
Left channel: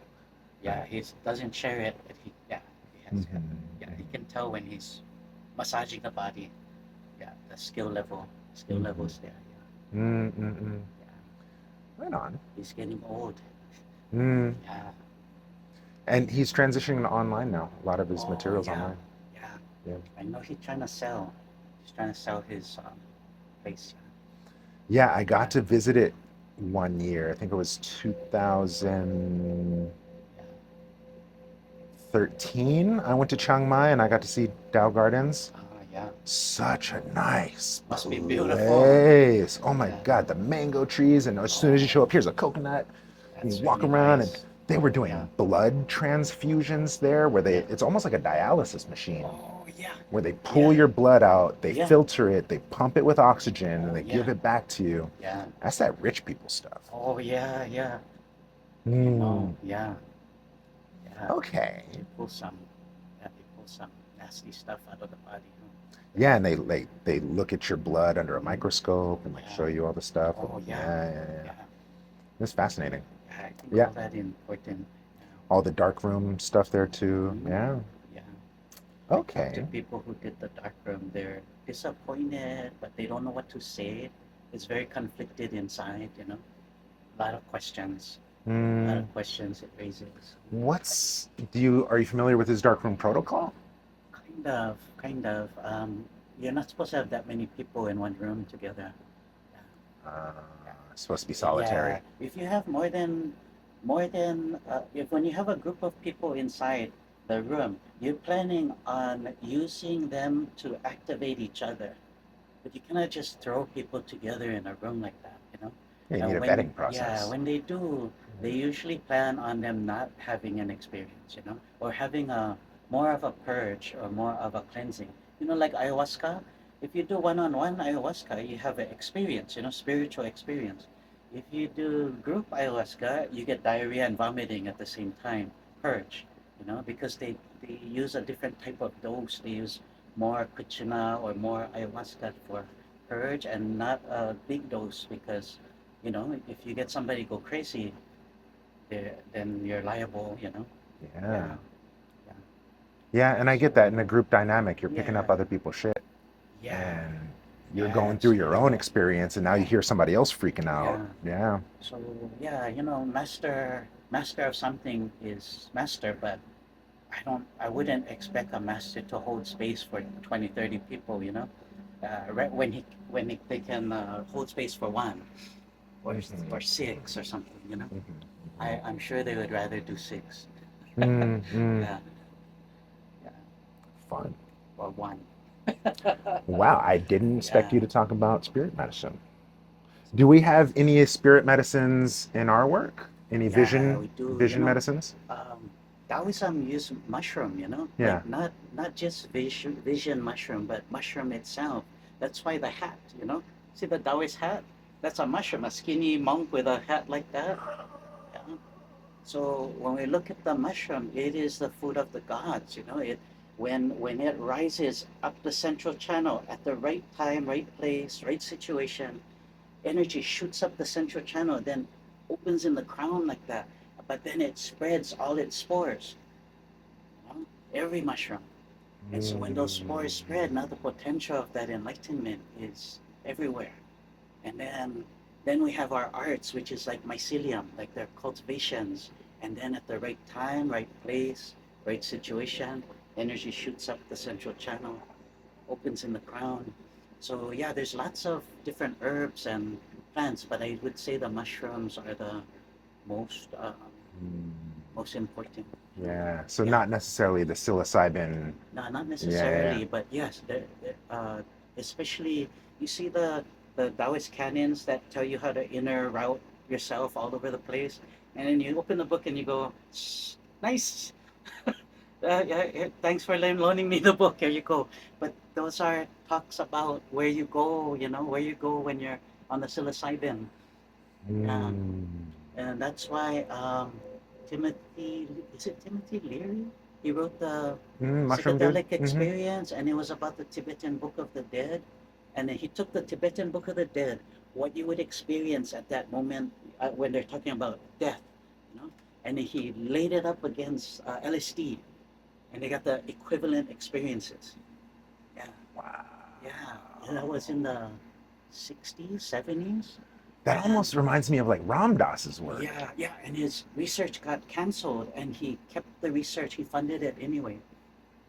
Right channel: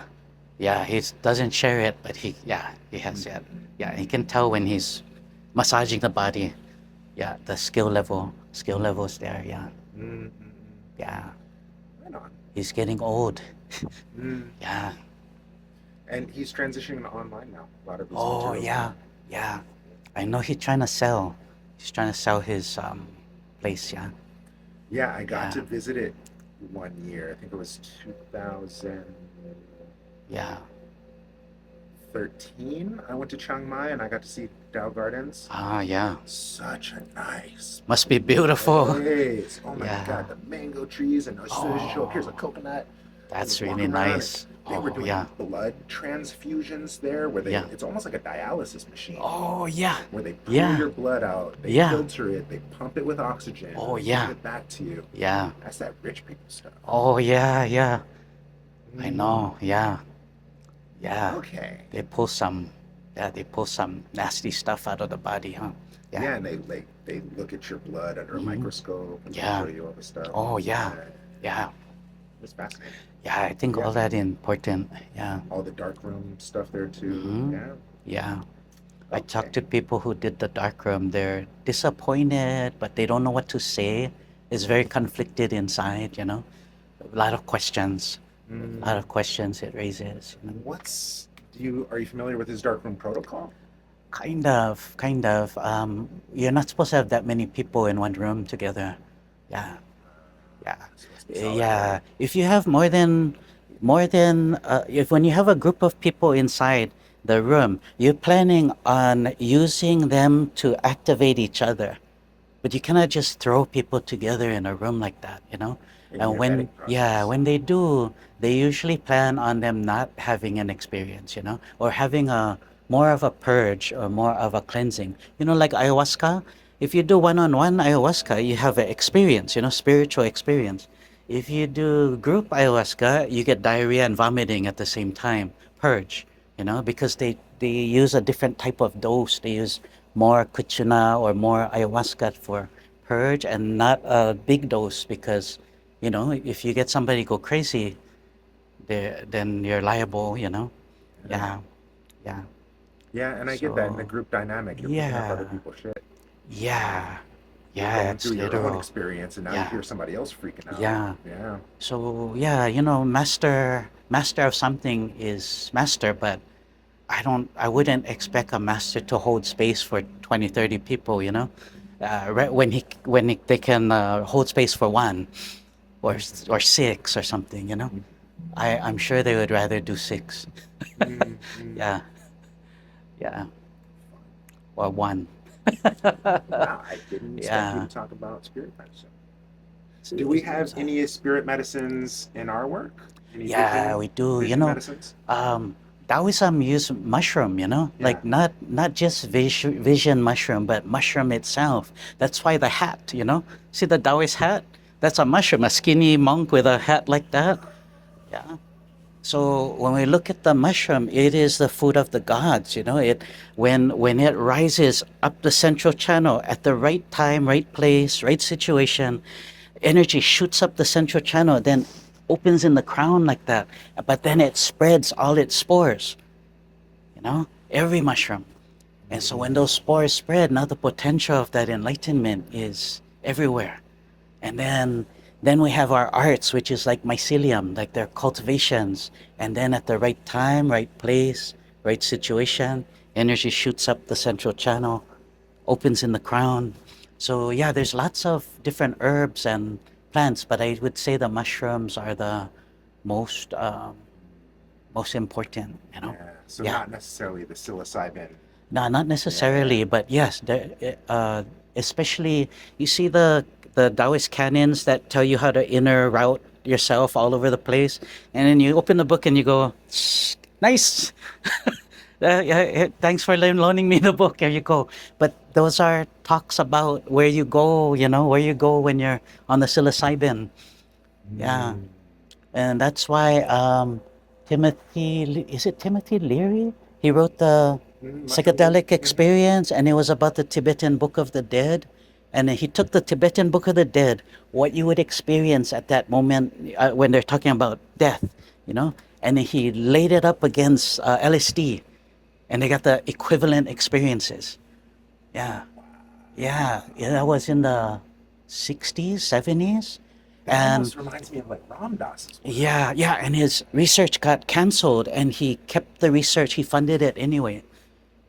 Yeah. He doesn't share it, but yeah, he has it. Mm-hmm. Yeah. He can tell when he's massaging the body. Yeah. The skill levels there. Yeah. Mm-mm-mm. Yeah. Right on. He's getting old. Mm. Yeah. And he's transitioning to online now. A lot of his Oh, materials yeah. online. Yeah. Yeah. I know he's trying to sell. He's trying to sell his place. Yeah. Yeah, I got Yeah. to visit it one year. I think it was 2013. Yeah. I went to Chiang Mai and I got to see Dow Gardens. Ah, yeah. Such a nice Must be beautiful. place. Oh my Yeah. God, the mango trees, and as soon as you show up, here's a Oh, coconut. And you that's walk really around, and nice. they were Oh, doing yeah. blood transfusions there, where Yeah. it's almost like a dialysis machine, Oh, yeah. where they pull Yeah. your blood out, they Yeah. filter it, they pump it with oxygen, and Oh, they give yeah. it back to you. Yeah. That's that rich people stuff. Oh, yeah. Yeah. I Mm, know. Yeah. Yeah. okay. They pull some, yeah, they pull some nasty stuff out of the body, huh? Yeah. Yeah, and they look at your blood under a Hmm. microscope and they show Yeah. you all the stuff. Oh, Yeah, yeah. yeah, yeah. Yeah. It's fascinating. Yeah. I think Yeah, all that important. Yeah. all the dark room stuff there too. Hmm. Yeah. Yeah. I talk to Okay. people who did the dark room. They're disappointed, but they don't know what to say. It's very conflicted inside, you know. A lot of questions. A lot Mm, of questions it raises. You know? are you familiar with his dark room protocol? Kind of, kind of. You're not supposed to have that many people in one room together. Yeah, Uh, yeah, Supposed to be yeah. solitary. If you have if when you have a group of people inside the room, you're planning on using them to activate each other. But you cannot just throw people together in a room like that, you know? Yeah, you need And a vetting yeah, process. when they do, they usually plan on them not having an experience, you know, or having a more of a purge or more of a cleansing. You know, like ayahuasca, if you do one-on-one ayahuasca, you have an experience, you know, spiritual experience. If you do group ayahuasca, you get diarrhea and vomiting at the same time, purge, you know, because they use a different type of dose. They use more kuchuna or more ayahuasca for purge and not a big dose because, you know, if you get somebody go crazy, then you're liable, you know. Yeah. Yeah, yeah. Yeah, and I get that in a So, group dynamic. You're picking up other yeah, people's shit. yeah, And you're yeah, going it's through your own little, experience and now you yeah, hear somebody else freaking out. yeah. Yeah. So, yeah, you know, master of something is master, but I wouldn't expect a master to hold space for 20, 30 people, you know? They can hold space for one or Hmm. six or something, you know? Hmm. I'm sure they would rather do six. Mm-hmm. Yeah, yeah, Fun. or one. Wow, I didn't expect you Yeah. to talk about spirit medicine. Do we have So, any spirit medicines in our work? Any yeah, we do. You vision know, medicines? um, Taoism use mushroom, you know, Yeah. like not just vision mushroom, but mushroom itself. That's why the hat, you know, see the Taoist hat? That's a mushroom, a skinny monk with a hat like that. Yeah. So when we look at the mushroom, it is the food of the gods, you know. When it rises up the central channel at the right time, right place, right situation, energy shoots up the central channel, then opens in the crown like that. But then it spreads all its spores, you know, every mushroom. And so when those Mm. spores spread, now the potential of that enlightenment is everywhere. And then we have our arts, which is like mycelium, like their cultivations. And then at the right time, right place, right situation, energy shoots up the central channel, opens in the crown. So yeah, there's lots of different herbs and plants, but I would say the mushrooms are the most most important, you know. Yeah. So Yeah. not necessarily the psilocybin. No, not Yeah, yeah. necessarily, but yes, especially you see the Taoist canons that tell you how to inner route yourself all over the place, and then you open the book and you go, nice, Thanks for loaning me the book. Here you go. But those are talks about where you go, where you go when you're on the psilocybin. Yeah. Mm. And that's why is it Timothy Leary? He wrote the Mushroom dude. psychedelic experience, and it was about the Tibetan Book of the Dead. And he took the Tibetan Book of the Dead, what you would experience at that moment when they're talking about death, you know, and he laid it up against LSD, and they got the equivalent experiences. Yeah, yeah, yeah. That was in the 60s, 70s, That and almost reminds me of like Ram Dass's work. yeah, yeah, and his research got canceled, and he kept the research. He funded it anyway,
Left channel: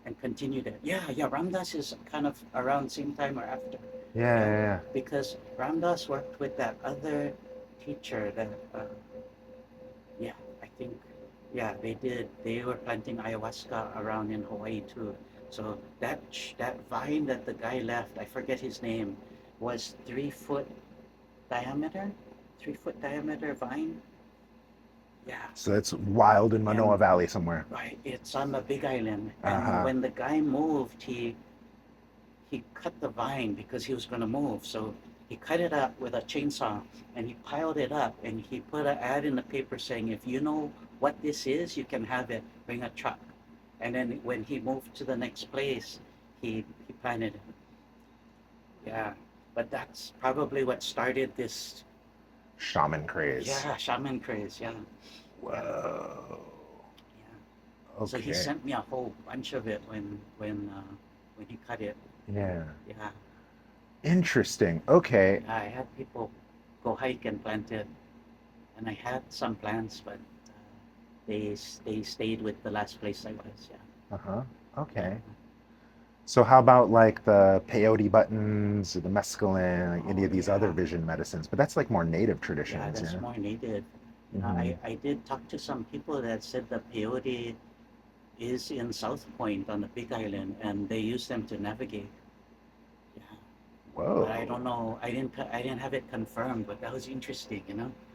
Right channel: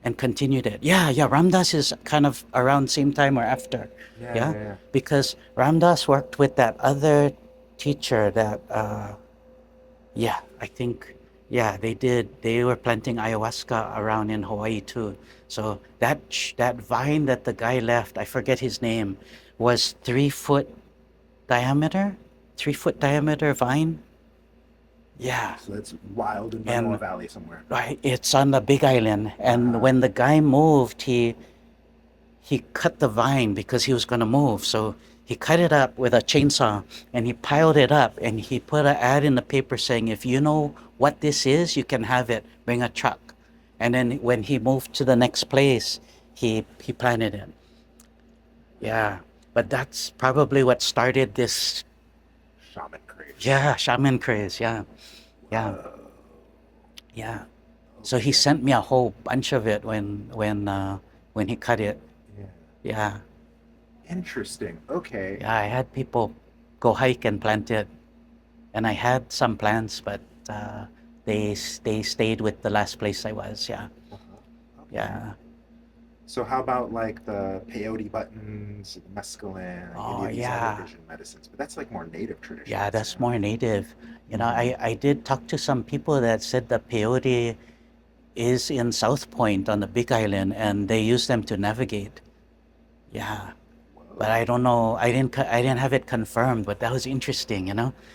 and continued it. Yeah, yeah. Ramdas is kind of around same time or after. Yeah, Yeah, yeah, yeah. because Ramdas worked with that other teacher that yeah, I think yeah, they did. They were planting ayahuasca around in Hawaii too. So that vine that the guy left, I forget his name, was 3 foot diameter, 3 foot diameter vine. Yeah, So that's wild in Manoa and Valley somewhere. right, it's on the Big Island. And Uh-huh. when the guy moved, he cut the vine because he was gonna move. So he cut it up with a chainsaw and he piled it up and he put an ad in the paper saying, if you know what this is, you can have it. Bring a truck. And then when he moved to the next place, he planted it. Yeah. But that's probably what started this, Shaman craze. yeah, shaman craze. Yeah. Yeah. Whoa. Yeah. So he Okay. sent me a whole bunch of it when he cut it. Yeah. Yeah. Interesting. Okay. Yeah, I had people go hike and plant it, and I had some plants, but they stayed with the last place I was. Yeah, Uh-huh. Okay. yeah. So how about like the peyote buttons or the mescaline, like any Oh of these other yeah, vision medicines? But that's like more native yeah. traditions, That's yeah. more native. Mm-hmm. I did talk to some people that said the peyote is in South Point on the Big Island, and they use them to navigate. Yeah, but Whoa. I don't know. I didn't have it confirmed, but that was interesting.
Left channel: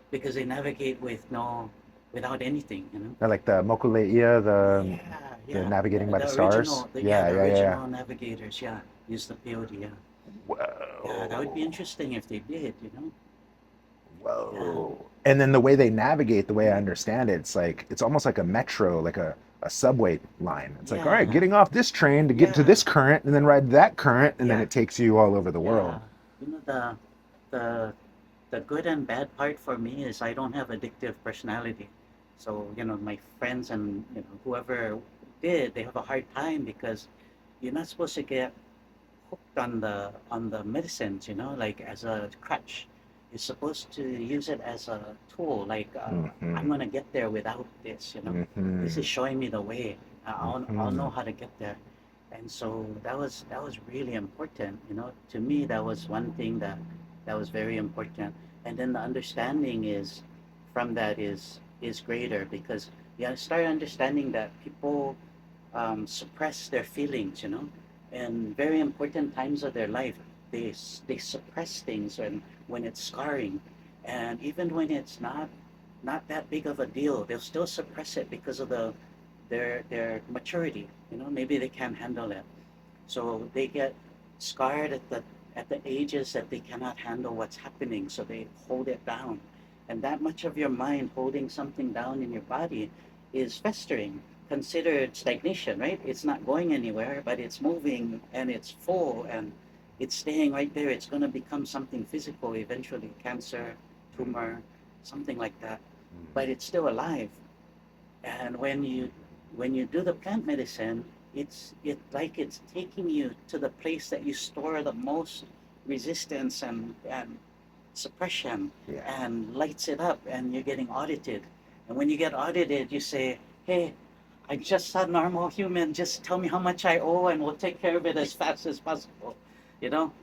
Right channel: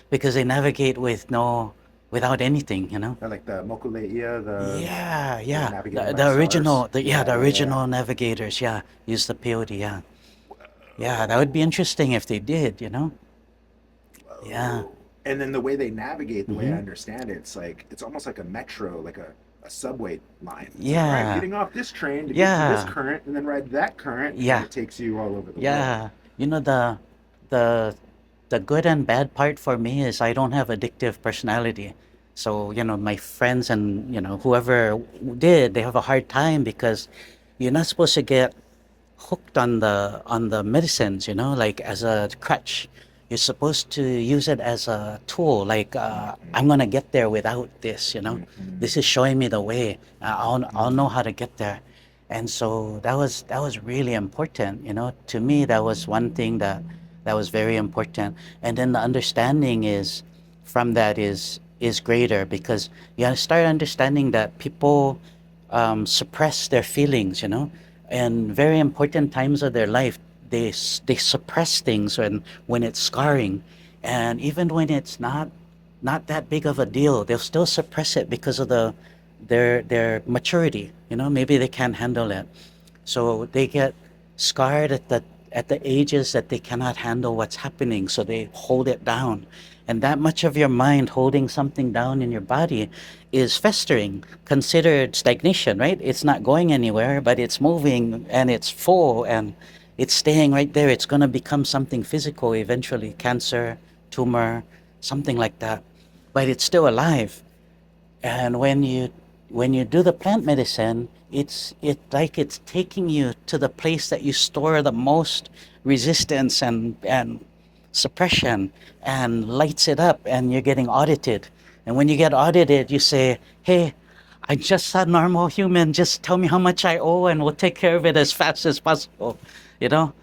Because they navigate without anything. Yeah, like the Mokuleia, Yeah, the yeah. navigating The, by the the stars. original, the yeah, Yeah, the yeah, yeah. original navigators, yeah, use the peyote, yeah. Yeah, that would be Whoa. interesting if they did. Yeah. Whoa. And then the way they navigate, the way I Mm-hmm. understand it, it's almost like a metro, like a subway line. It's like, all right, Yeah. getting off this train to get to this Yeah. current and then ride that current, and then Yeah. it takes you all over the world. Yeah. You know the the good and bad part for me is I don't have addictive personality. So, my friends and, whoever did, they have a hard time because you're not supposed to get hooked on the medicines, like as a crutch. You're supposed to use it as a tool, like Mm-hmm. I'm gonna get there without this. Mm-hmm. This is showing me the way. I'll Mm-hmm. know how to get there. And so that was really important. To me, that was one thing that was very important. And then the understanding is from that is greater because you start understanding that people suppress their feelings, and very important times of their life they suppress things when it's scarring, and even when it's not that big of a deal, they'll still suppress it because of their maturity. Maybe they can't handle it, so they get scarred at the ages that they cannot handle what's happening, so they hold it down. And that much of your mind holding something down in your body is festering, considered stagnation, right? It's not going anywhere, but it's moving and it's full and it's staying right there. It's going to become something physical eventually, cancer, tumor, something like that. But it's still alive. And when you do the plant medicine, it's taking you to the place that you store the most resistance and suppression, Yeah. and lights it up, and you're getting audited. And when you get audited, you say, "Hey, I'm just a normal human. Just tell me how much I owe, and we'll take care of it as fast as possible." You know,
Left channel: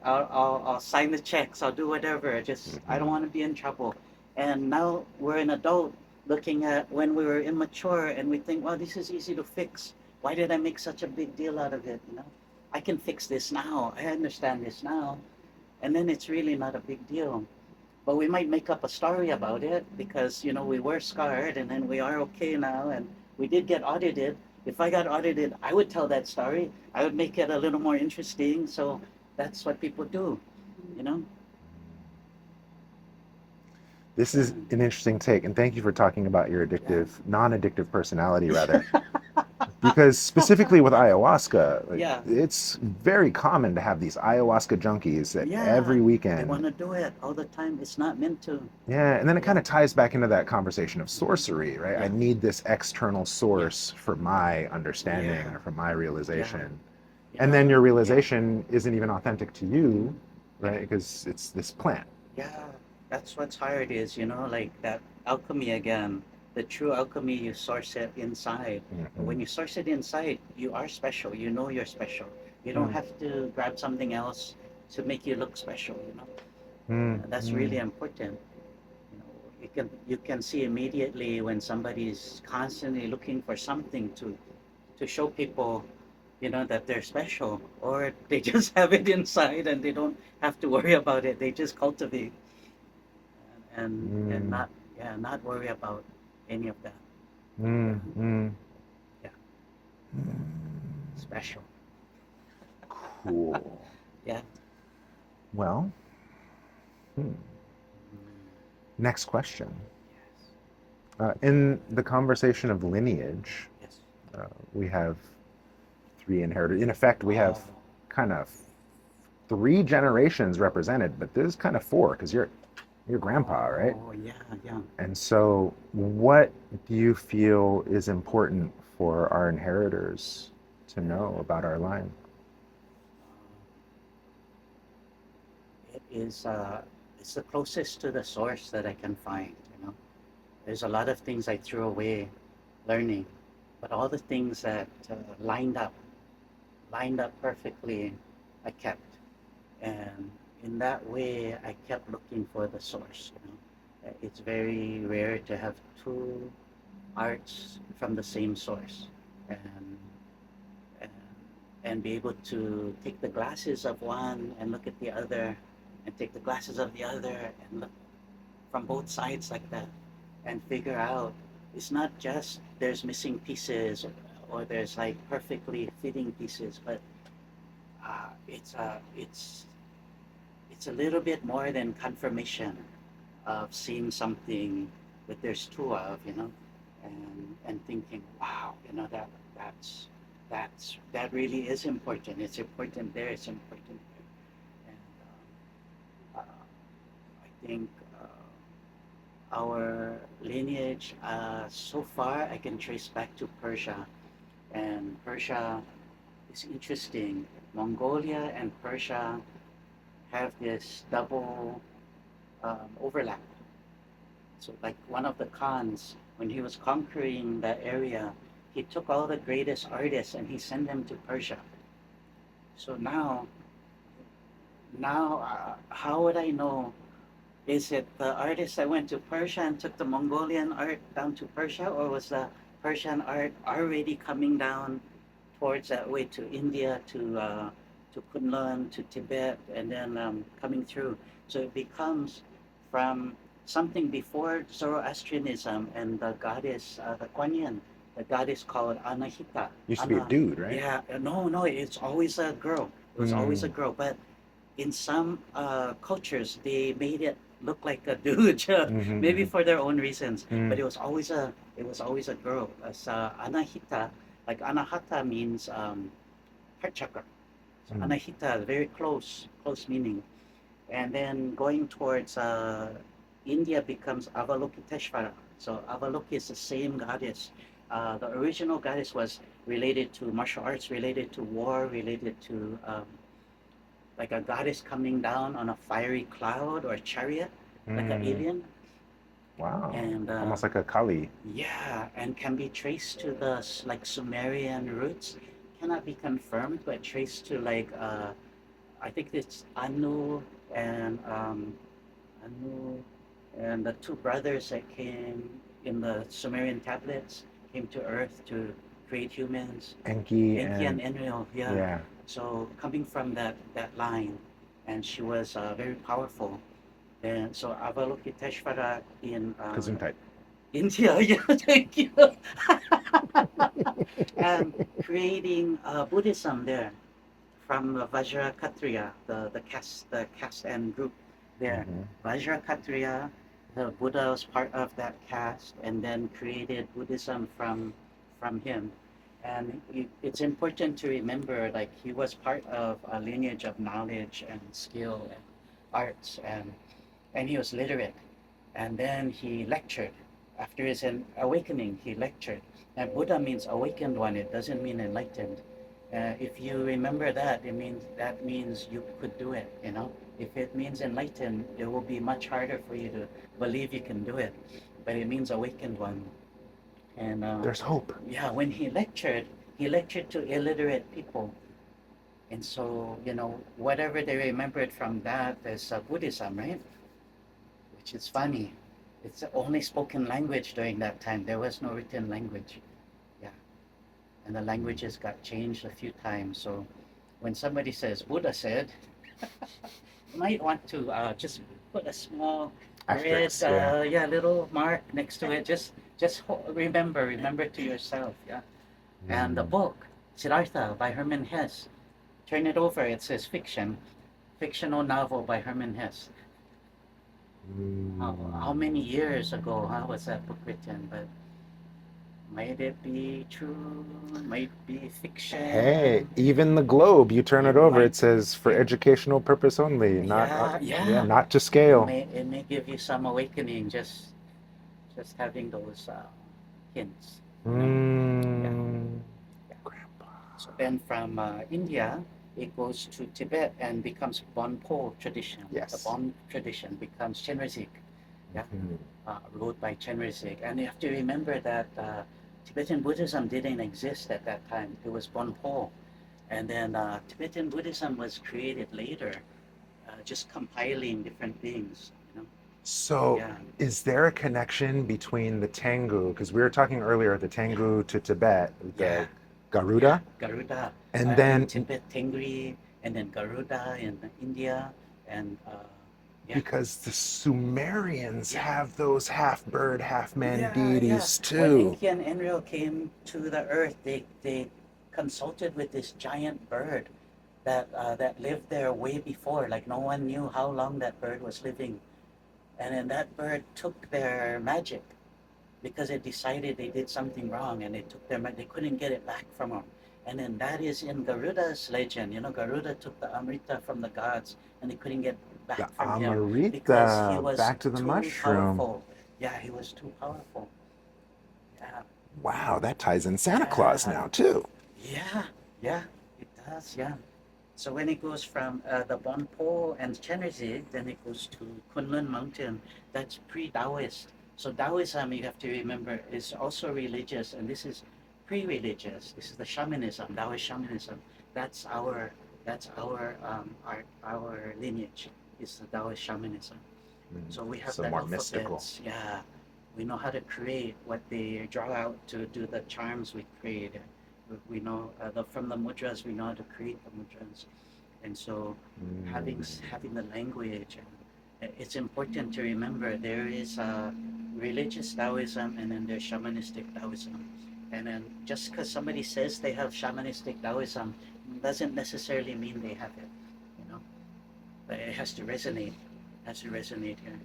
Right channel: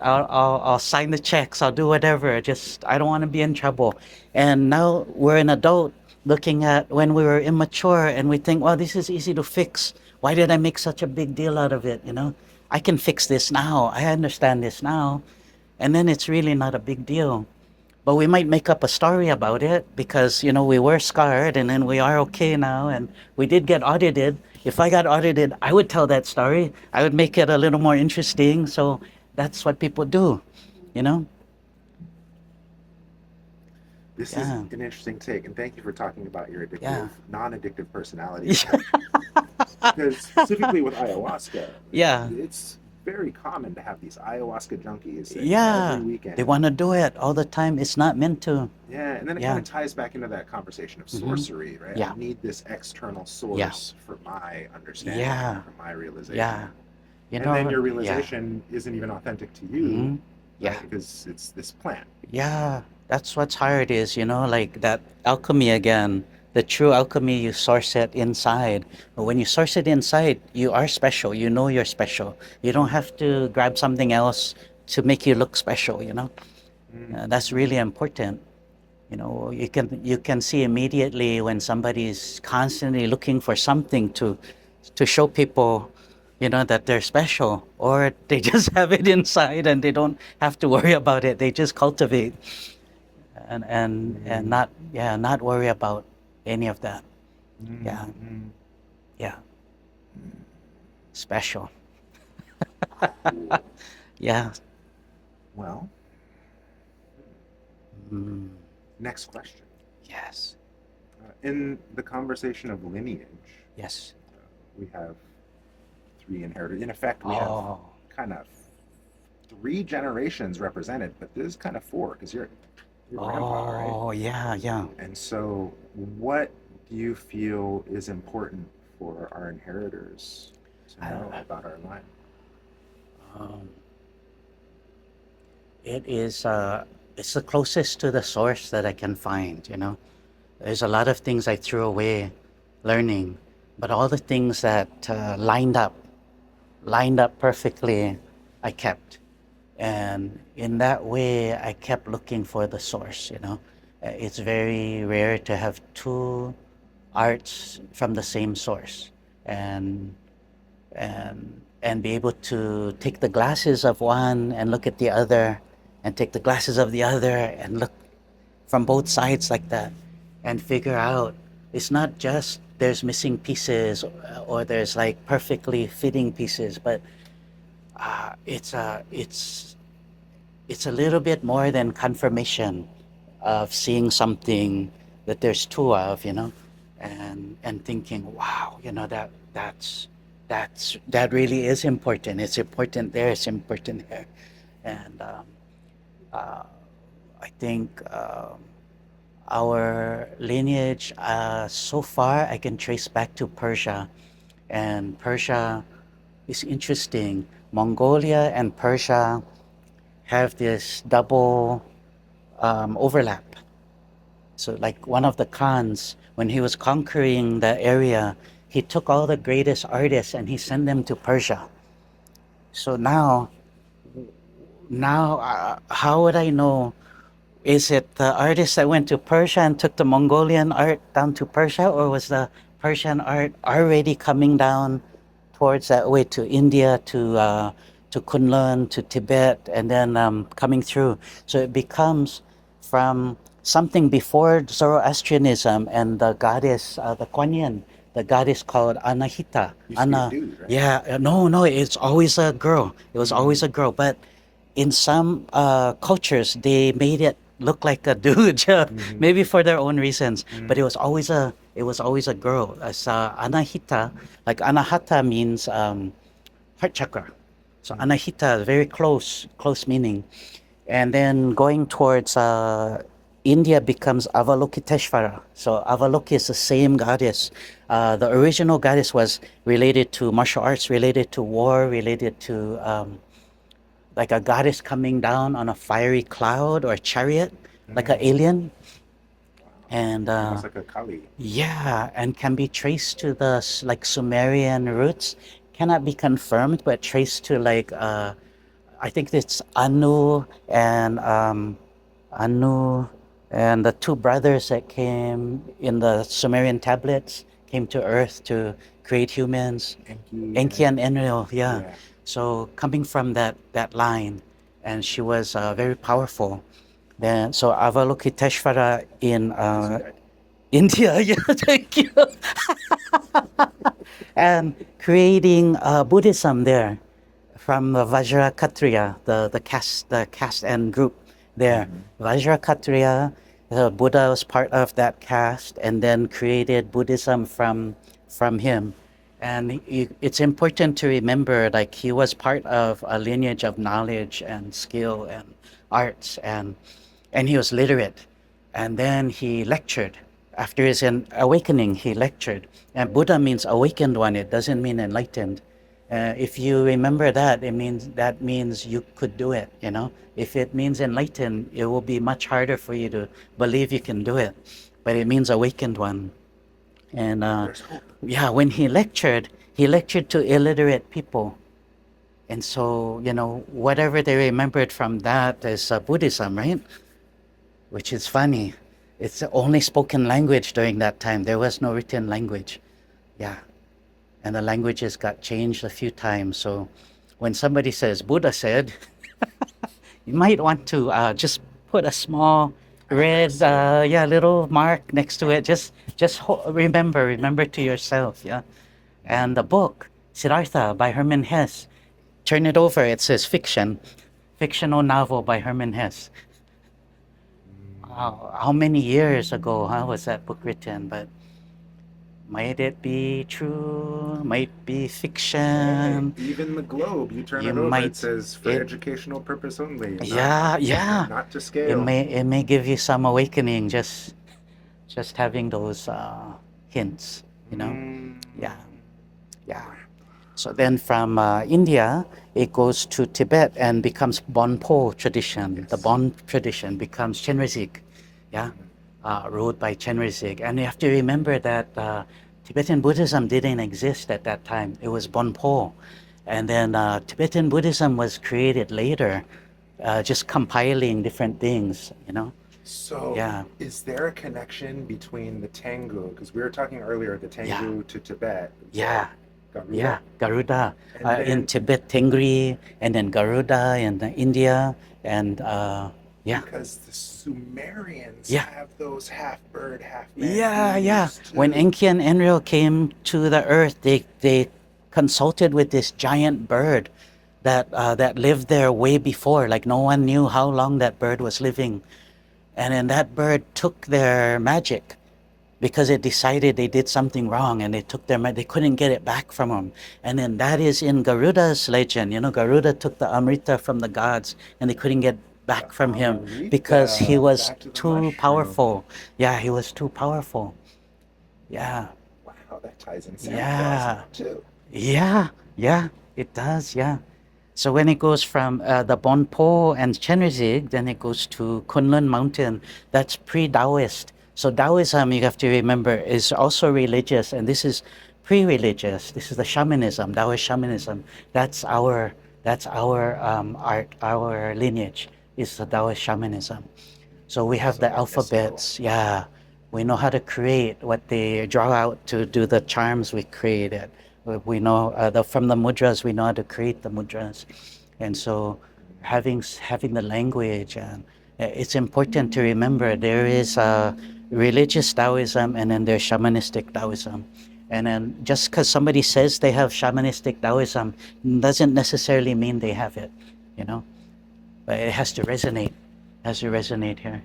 I'll sign the checks. I'll do whatever. Just I don't want to be in trouble. And now we're an adult looking at when we were immature, and we think, "Well, this is easy to fix. Why did I make such a big deal out of it?" I can fix this now. I understand this now, and then it's really not a big deal. but we might make up a story about it because we were scarred and then we are okay now and we did get audited. If I got audited, I would tell that story. I would make it a little more interesting. So that's what people do, you know? This is Yeah, an interesting take, and thank you for talking about your yeah, addictive, non-addictive personality, yeah, rather. Because specifically with ayahuasca, like, yeah, it's very common to have these ayahuasca junkies that every yeah. They weekend. want to do it all the time. It's not meant to. Yeah, and then it kind Yeah. of ties back into that conversation of Mm-hmm. sorcery, right? I Yeah, need this external yeah, source for my understanding or yeah, for my yeah. realization. You And then know, your yeah. realization isn't even authentic to you, Mm-hmm. Yeah. right? Because it's this plant. Yeah, that's what's hard is, like that alchemy again. The true alchemy, you source it inside. But when Hmm. you source it inside, you are special. You know you're special. You don't Mm. have to grab something else to make you look special. Mm. That's really Mm. important. You can see immediately when somebody is constantly looking for something to show people, that they're special, or they just have it inside and they don't have to worry about it. They just cultivate and Mm. not worry about any of that. Mm. Yeah, Mm. yeah, special. Cool. Yeah. Well, hmm. Mm, Next question. yes. In the conversation of lineage, Yes. we have three inherited. In effect, we have Oh. kind of three generations represented, but there's kind of four because you're your grandpa, right? Oh, yeah, yeah. And so, what do you feel is important for our inheritors to I, know about our line? um, it's the closest to the source that I can find. There's a lot of things I threw away learning, but all the things that lined up perfectly, I kept. And in that way, I kept looking for the source. It's very rare to have two arts from the same source. And and and be able to take the glasses of one and look at the other and take the glasses of the other and look from both sides like that and figure out it's not just there's missing pieces or there's like perfectly fitting pieces, but it's a little bit more than confirmation of seeing something that there's two of, and thinking, wow, that really is important. It's important there. It's important there, and uh, I think our lineage, so far, I can trace back to Persia, and Persia is interesting. Mongolia and Persia have this double overlap. So, like one of the Khans, when he was conquering the area, he took all the greatest artists and he sent them to Persia. So now, how would I know? Is it the artist that went to Persia and took the Mongolian art down to Persia, or was the Persian art already coming down towards that way to India, to Kunlun, to Tibet, and then coming through? So it becomes from something before Zoroastrianism and the goddess, the Kuan Yin, the goddess called Anahita. Used to be a Ana, dude, right? yeah, no, no, it's always a girl. It was always a Mm. girl, but in some cultures they made it look like a dude, maybe Mm-hmm. for their own reasons, but Mm. it was always a girl as Anahita. Like Anahata means heart chakra, so Mm. Anahita, very close meaning. And then going towards India becomes Avalokiteshvara. So Avaloki is the same goddess. The original goddess was related to martial arts, related to war, related to like a goddess coming down on a fiery cloud or chariot, like an Mm. alien. Wow. And Almost like a Kali. yeah, and can be traced to the like Sumerian roots. Cannot be confirmed, but traced to like I think it's Anu and the two brothers that came in the Sumerian tablets came to Earth to create humans. Enki Enki and and Enlil, yeah. yeah. So coming from that line, and she was very powerful. Then so Avalokiteshvara in Gesundheit. India, yeah, thank you, and creating Buddhism there from the Vajra Kshatriya, the caste and group there. Mm-hmm. Vajra Kshatriya, the Buddha was part of that caste, and then created Buddhism from him. And it's important to remember, like he was part of a lineage of knowledge and skill and arts, and he was literate. And then he lectured. After his awakening, he lectured. And Buddha means awakened one. It doesn't mean enlightened. If you remember that, that means you could do it. You know, if it means enlightened, it will be much harder for you to believe you can do it. But it means awakened one. And There's hope. yeah, when he lectured to illiterate people. And so, whatever they remembered from that is Buddhism, right? Which is funny. It's the only spoken language during that time. There was no written language. Yeah. And the languages got changed a few times. So when somebody says Buddha said, you might want to just put a small red, Asterisk, yeah. little mark next to it. Just remember to yourself. Yeah. And the book, Siddhartha by Hermann Hesse, turn it over. It says fiction, fictional novel by Hermann Hesse. How many years ago was that book written? But might it be true? Might be Hey, fiction. even the globe, you turn You it over, it might says for it educational purpose only, yeah, yeah, yeah. not to It scale. may give you some awakening just having those hints, Yeah, Mm, yeah. So then from India, it goes to Tibet and becomes Bonpo tradition. The yes. Bon tradition becomes Chenrezig, yeah, ruled by Chenrezig. And you have to remember that Tibetan Buddhism didn't exist at that time. It was Bonpo. And then Tibetan Buddhism was created later, just compiling different things. So, Yeah, is there a connection between the Tengu? Because we were talking earlier, the yeah, Tengu to Tibet, yeah. the Yeah, Garuda, Garuda. and In then Tibet, Tengri, and then Garuda in India, and yeah, because the Sumerians yeah, have those half bird, half man yeah. deities When too. Enki and Enlil came to the earth, they consulted with this giant bird that lived there way before. Like no one knew how long that bird was living, and then that bird took their magic because it decided they did something wrong and they took they couldn't get it back from them. And then that is in Garuda's legend. Garuda took the Amrita from the gods and they couldn't get The back from him because he Amarita, was back to the too mushroom. powerful. Yeah, he was too powerful. Yeah, Wow, that ties in Santa Claus yeah, now too. yeah, yeah, it does. Yeah. So when it goes from the Bonpo and Chenrezig, then it goes to Kunlun Mountain. That's pre-Taoist. So Taoism, you have to remember, is also religious, and this is pre-religious. This is the shamanism, Taoist shamanism. That's our art, our lineage is the Taoist shamanism. So we have So the more mystical. alphabets. Yeah, we know how to create what they draw out to do the charms we created. We know from the mudras, we know how to create the mudras. And so having the language, and it's important to remember there is religious Taoism and then there's shamanistic Taoism. And then just because somebody says they have shamanistic Taoism doesn't necessarily mean they have it, you know. But it has to resonate. It has to resonate here.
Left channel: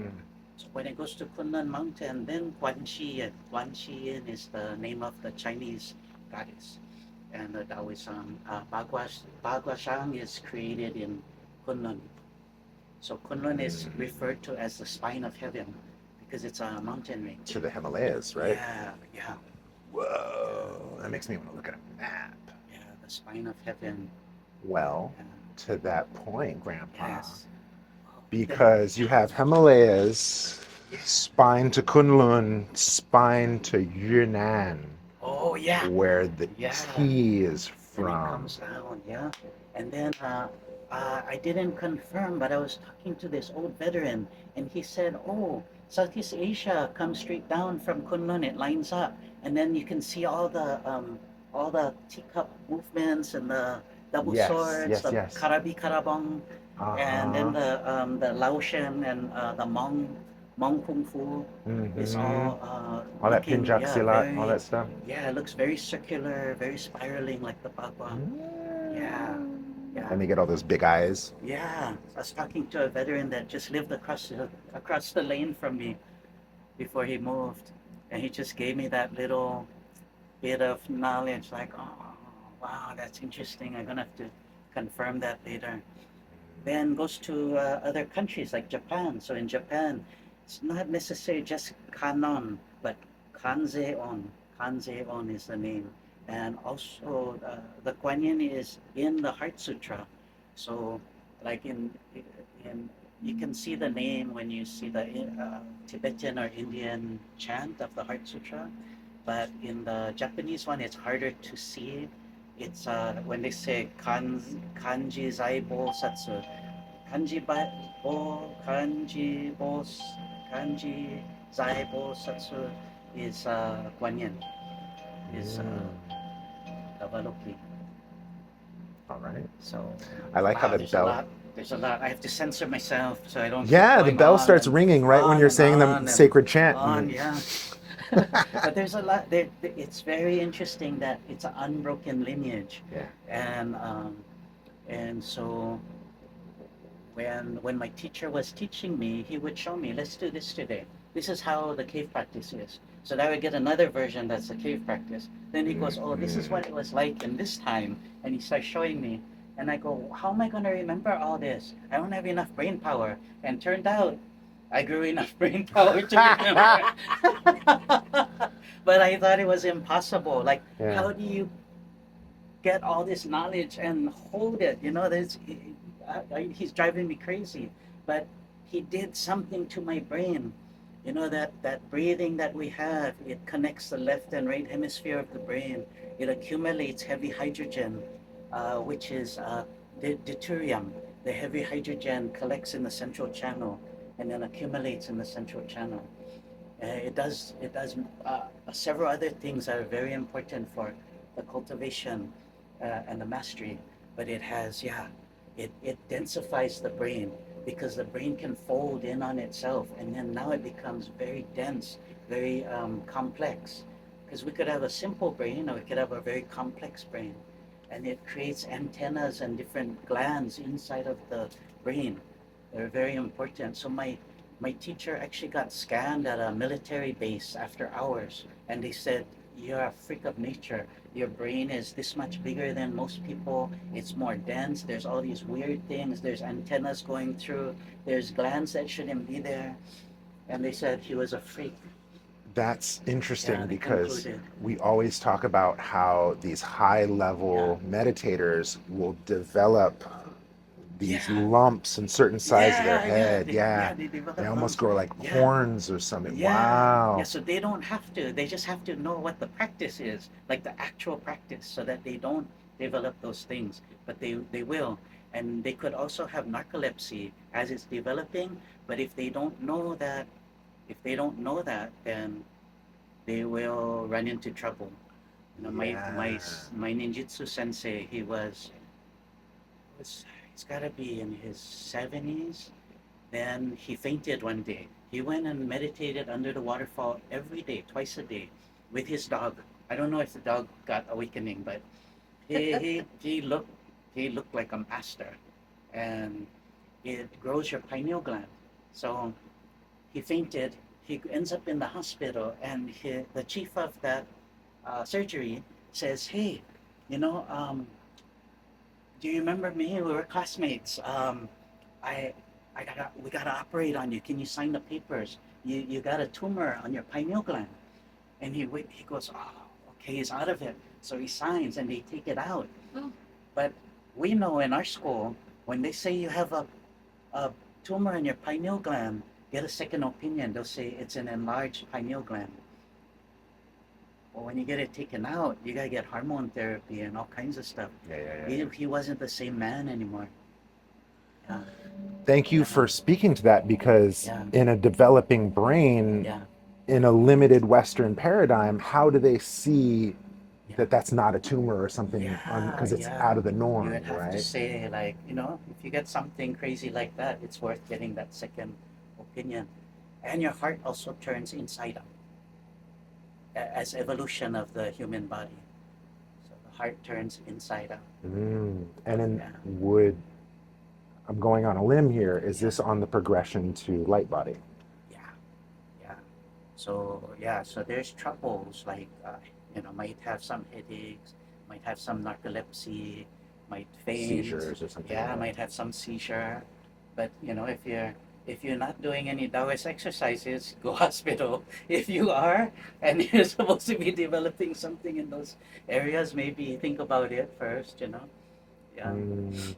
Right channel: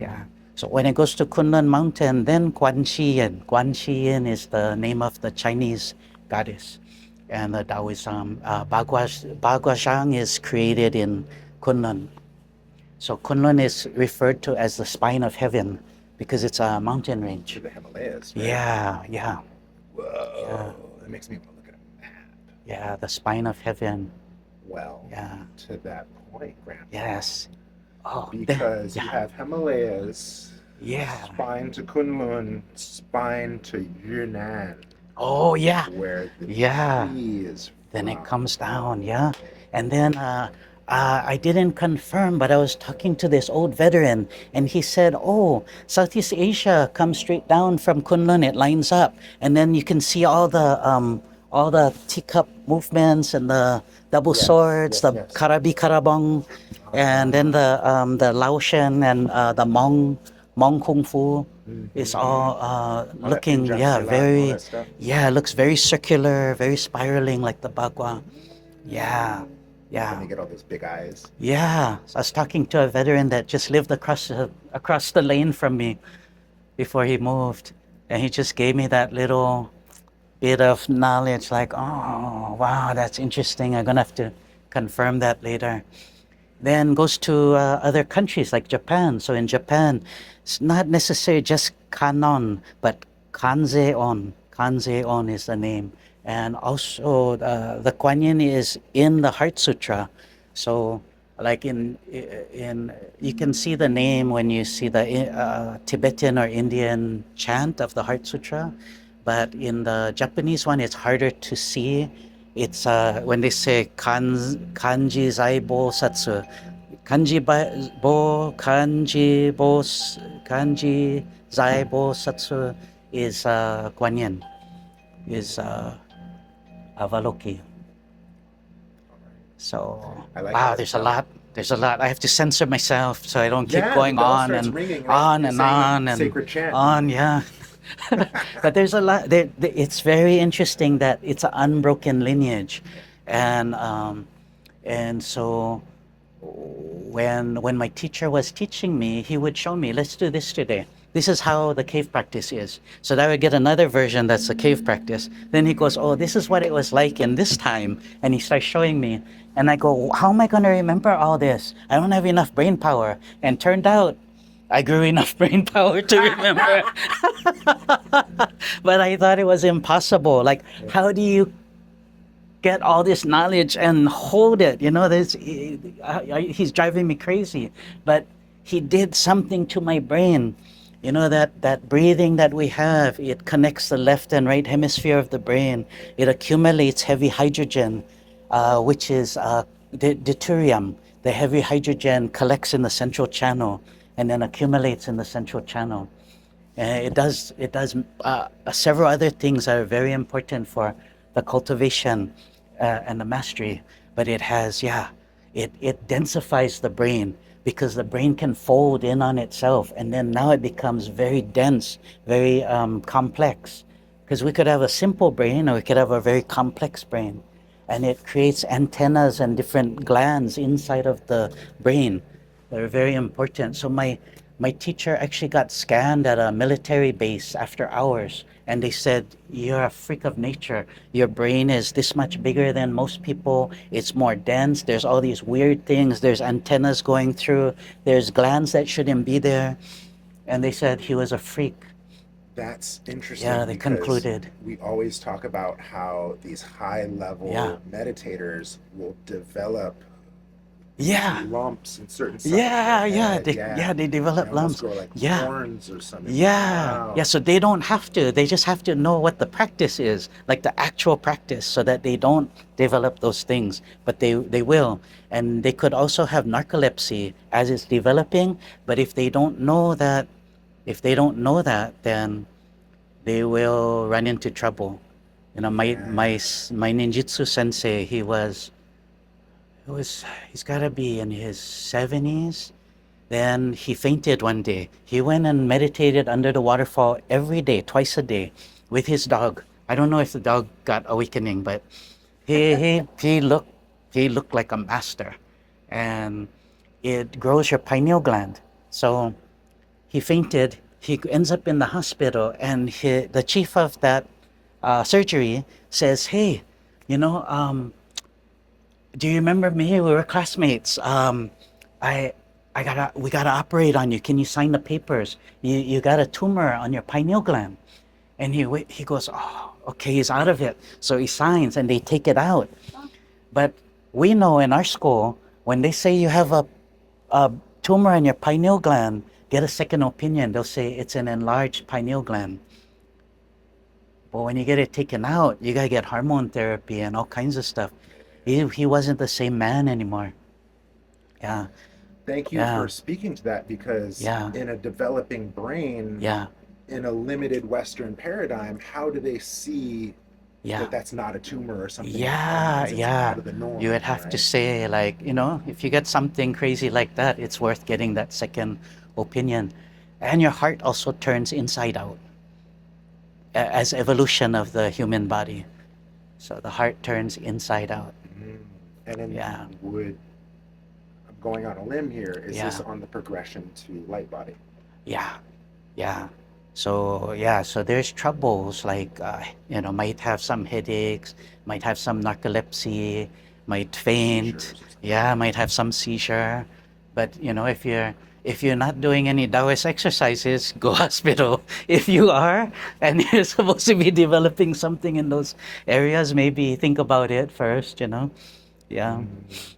Yeah. So when it goes to Kunlun Mountain, then Guan Yin. Guan Yin is the name of the Chinese goddess. And the Taoism, Baguazhang is created in Kunlun. So Kunlun is referred to as the spine of heaven because it's a mountain To range. the Himalayas, right? Yeah, yeah, yeah, Whoa, that makes me want to look at a map. yeah, the spine of heaven. Well, Yeah, to that point, Grandpa, yes. Oh, because you yeah, have Himalayas, yeah. spine to Kunlun, spine to Yunnan, Oh, yeah, where the yeah. tea is Then it from. comes down, yeah. And then I didn't confirm, but I was talking to this old veteran, and he said, "Oh, Southeast Asia comes straight down from Kunlun. It lines up, and then you can see all the teacup movements and the double Yes, swords, yes, the yes. karabi karabong, and then Uh-huh. the Laotian and the Hmong kung fu is Mm-hmm. all All that looking, Punjab yeah, silat and all very, that stuff. yeah, it looks very circular, very spiraling like the bagua. Mm. Yeah, yeah. And they get all those big eyes. Yeah, so I was talking to a veteran that just lived across the lane from me before he moved, and he just gave me that little bit of knowledge. Like, oh wow, that's interesting. I'm gonna have to confirm that later. Then goes to other countries like Japan. So in Japan, it's not necessarily just kanon, but kanzeon. Kanzeon is the name, and also the Kuan Yin is in the Heart Sutra. So, like in you can see the name when you see the Tibetan or Indian chant of the Heart Sutra, but in the Japanese one, it's harder to see. It's when they say kanji zaibo satsu, kanji zaibo satsu is Guan Yin, is Avaloki. All right. So I like how wow, the there's a bell. lot. There's a lot. I have to censor myself so I don't keep Yeah, the going bell starts ringing right when on you're and saying the on and sacred chant. on. Yeah. But there's a lot. It's very interesting that it's an unbroken lineage, Yeah. and so when my teacher was teaching me, he would show me, let's do this today. This is how the cave practice is. So that I would get another version that's the cave practice. Then he goes, oh, this is what it was like in this time. And he starts showing me. And I go, how am I going to remember all this? I don't have enough brain power. And turned out I grew enough brain power to remember. But I thought it was impossible. Like, Yeah. how do you get all this knowledge and hold it? You know, he's driving me crazy. But he did something to my brain. You know, that breathing that we have, it connects the left and right hemisphere of the brain. It accumulates heavy hydrogen, which is deuterium. The heavy hydrogen collects in the central channel and then accumulates in the central channel. It does several other things that are very important for the cultivation and the mastery. But it has, yeah, it densifies the brain because the brain can fold in on itself, and then now it becomes very dense, very complex. Because we could have a simple brain or we could have a very complex brain, and it creates antennas and different glands inside of the brain that are very important. So my teacher actually got scanned at a military base after hours, and they said, you're a freak of nature. Your brain is this much bigger than most people. It's more dense. There's all these weird things. There's antennas going through. There's glands that shouldn't be there. And they said he was a freak. That's Yeah, interesting they because concluded. we always talk about how these high Yeah. level meditators will develop these Yeah. lumps in certain sides of their Yeah, yeah, head. Yeah. they They develop almost lumps. grow like Yeah, horns or something. yeah. Wow. So they don't have to. They just have to know what the practice is, like the actual practice, so that they don't develop those things. But they will, and they could also have narcolepsy as it's developing. But if they don't know that, then they will run into trouble. You know, Yeah. my ninjutsu sensei, he's got to be in his 70s. Then he fainted one day. He went and meditated under the waterfall every day, twice a day, with his dog. I don't know if the dog got awakening, but he looked like a master, and it grows your pineal gland. So he fainted. He ends up in the hospital, and the chief of that surgery says, "Hey, you know, do you remember me? We were classmates. I, we gotta operate on you. Can you sign the papers? You got a tumor on your pineal gland." And he goes, "Oh, okay." He's out of it, so he signs, and they take it out. But we know in our school, when they say you have a tumor in your pineal gland, get a second opinion. They'll say it's an enlarged pineal gland. But when you get it taken out, you gotta get hormone therapy and all kinds of stuff. Yeah, yeah, yeah. He wasn't the same man anymore. Yeah, Thank you yeah, for speaking to that because yeah, in a developing brain, yeah, in a limited Western paradigm, how do they see Yeah. that that's not a tumor or something Yeah, because it's out yeah. of the You norm, would have to right? say, like, if you get something crazy like that, it's worth getting that second opinion. And your heart also turns inside out as evolution of the human body. So the heart turns inside out. And then Yeah, would I'm going on a limb here. Is this yeah, on the progression to light body? yeah, yeah. So yeah, so there's troubles like might have some headaches, might have some narcolepsy, might faint, Seizures or something like yeah, that? might have some seizure. But if you're not doing any Taoist exercises, go hospital. If you are, and you're supposed to be developing something in those areas, maybe think about it first. Yeah, Mm,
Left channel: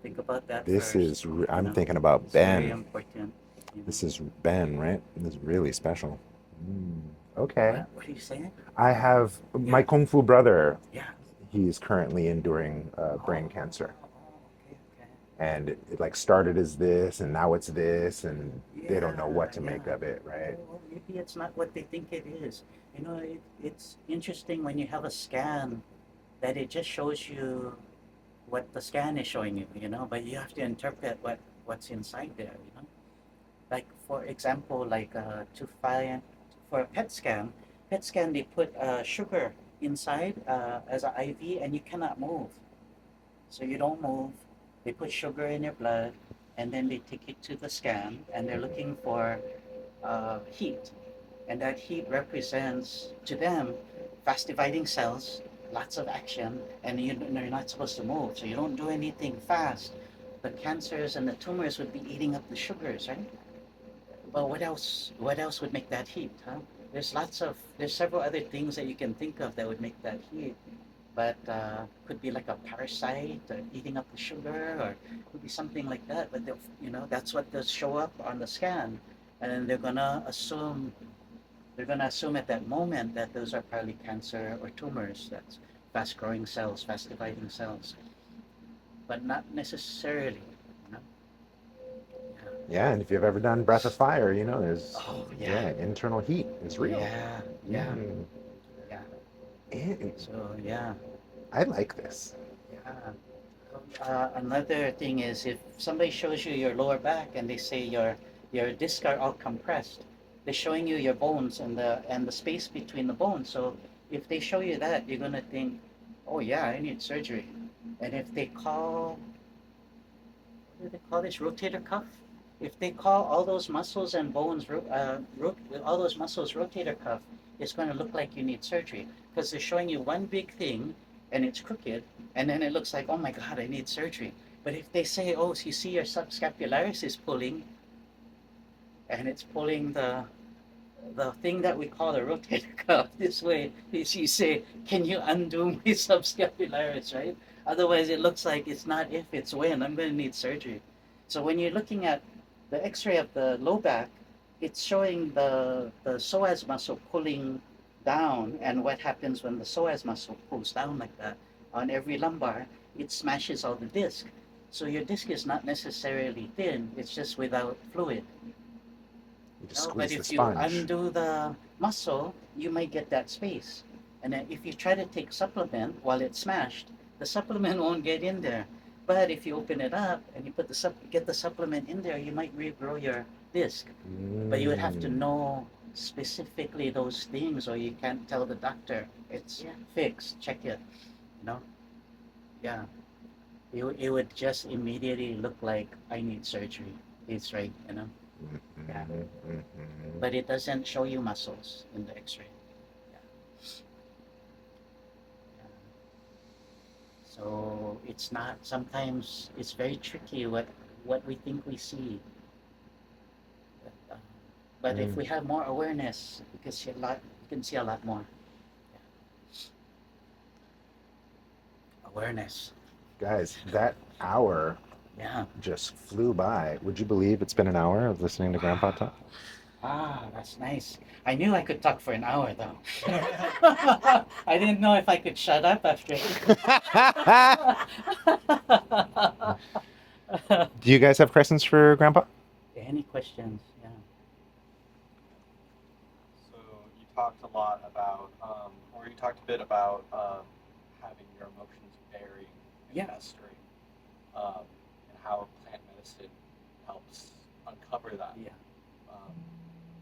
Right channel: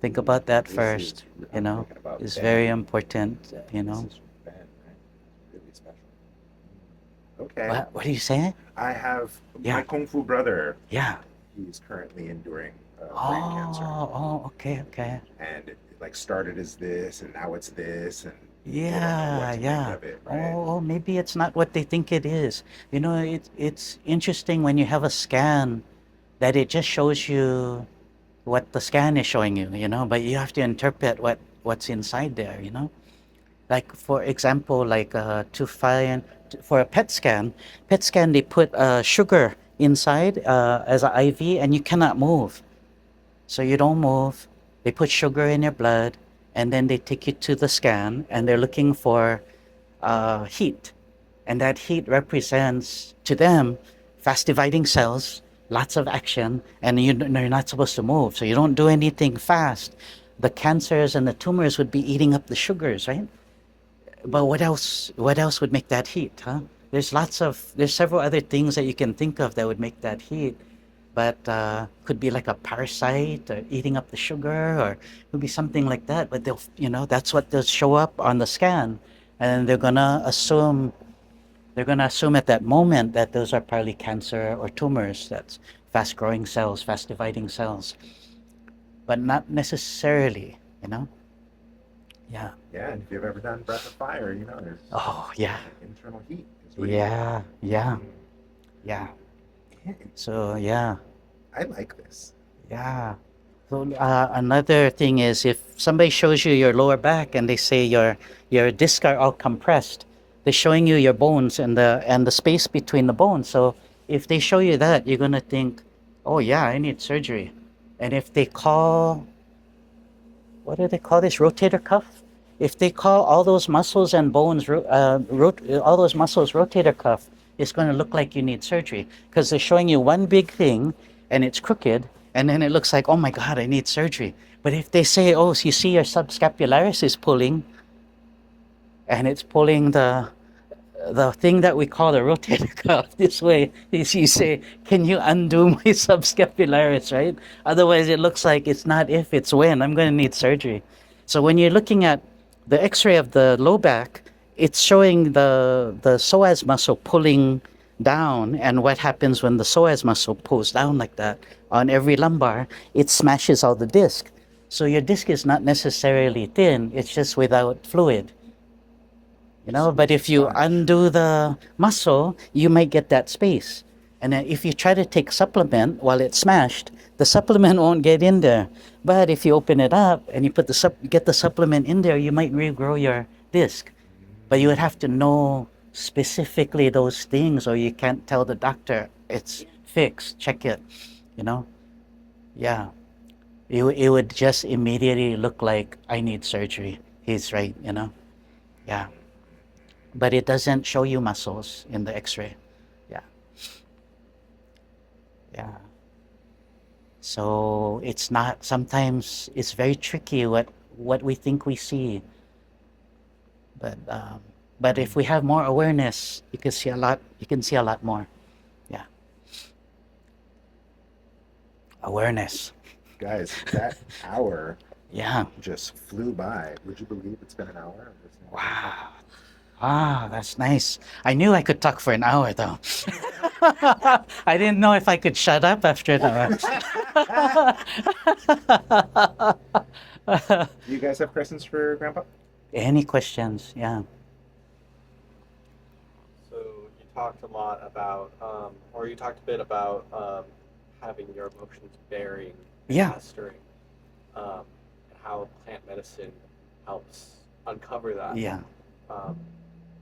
think about that this first. is, I'm thinking about It's very Ben. important. This is Ben, right? This is really special. Mm, okay. What are you saying? I have my Yeah, Kung Fu brother. yeah. He's currently enduring brain cancer. Okay, okay. And it like started as this and now it's this and they don't know what Yeah, to make yeah. of it, right? Oh, maybe it's not what they think it is. It's interesting when you have a scan that it just shows you what the scan is showing you, but you have to interpret what's inside there. Like for example, like for a PET scan they put sugar inside as an IV and you cannot move. So you don't move. They put sugar in your blood, and then they take you to the scan, and they're looking for heat, and that heat represents to them fast dividing cells, lots of action, and you're not supposed to move. So you don't do anything fast. The cancers and the tumors would be eating up the sugars, right? But what else? What else would make that heat, huh? There's several other things that you can think of that would make that heat, but could be like a parasite or eating up the sugar, or could be something like that. But that's what they'll show up on the scan, and they're gonna assume at that moment that those are probably cancer or tumors. That's fast growing cells, fast dividing cells, but not necessarily. You know? Yeah. Yeah, and if you've ever done breath of fire, there's Oh yeah. yeah, internal heat is real. Yeah. Yeah. Mm. Yeah. And So yeah. I like this. Yeah. So another thing is if somebody shows you your lower back and they say your discs are all compressed, they're showing you your bones and the space between the bones. So if they show you that, you're gonna think, oh yeah, I need surgery. And if they call, what do they call this, rotator cuff? If they call all those muscles and bones, all those muscles rotator cuff, it's going to look like you need surgery because they're showing you one big thing and it's crooked, and then it looks like, oh my God, I need surgery. But if they say, oh, so you see your subscapularis is pulling, and it's pulling the thing that we call the rotator cuff this way, is you say, can you undo my subscapularis, right? Otherwise, it looks like it's not if, it's when. I'm going to need surgery. So when you're looking at the x-ray of the low back, it's showing the psoas muscle pulling down, and what happens when the psoas muscle pulls down like that on every lumbar, it smashes all the disc. So your disc is not necessarily thin, it's just without fluid. You But squeeze the if you sponge. undo the muscle, you might get that space. And then if you try to take supplement while it's smashed, the supplement won't get in there. But if you open it up and you get the supplement in there, you might regrow your disc. But you would have to Mm. know specifically those things, or you can't tell the doctor it's fixed. Check it. You know? Yeah. It would just immediately look like I need surgery. He's right. Yeah. Mhm, mhm. But it doesn't show you muscles in the x-ray. Yeah. Yeah. So sometimes it's very tricky what we think we see, but if Mm. we have more awareness, you can see a lot more. Yeah. Awareness. Guys, that hour Yeah. just flew by. Would you believe it's been an hour of listening to Grandpa Wow. talk? That's nice. I knew I could talk for an hour though. I didn't know if I could shut up after an hour. Do you guys have questions for Grandpa? Any questions? Yeah. So you talked a lot about or you talked a bit about having your emotions bearing and Yeah, mastering, and how plant medicine helps uncover that. yeah, Um,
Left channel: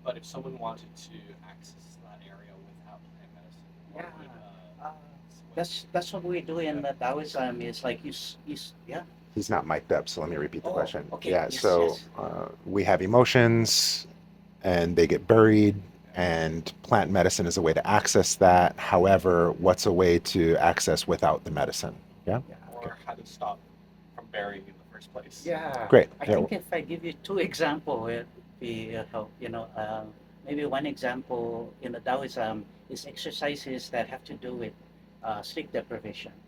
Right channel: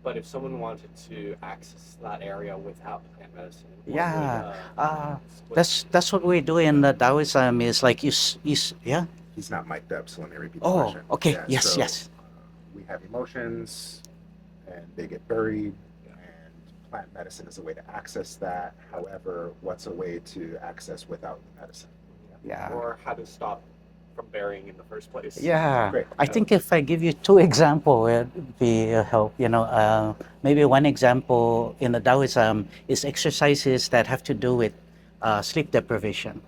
but if someone wanted to access that area without plant medicine, what would yeah. what, That's what we do in the Taoism. Is like yeah. He's not mic'd up, so let me repeat the Oh, question. okay. Yeah, Yes, so yes. we have emotions and they get buried, and plant medicine is a way to access that. However, what's a way to access without the medicine? Yeah, Yeah. okay, or how to stop from burying in the first place? Yeah, great. I Yeah, think if I give you two example, it'd be a help. Maybe one example in the Taoism is exercises that have to do with sleep deprivation.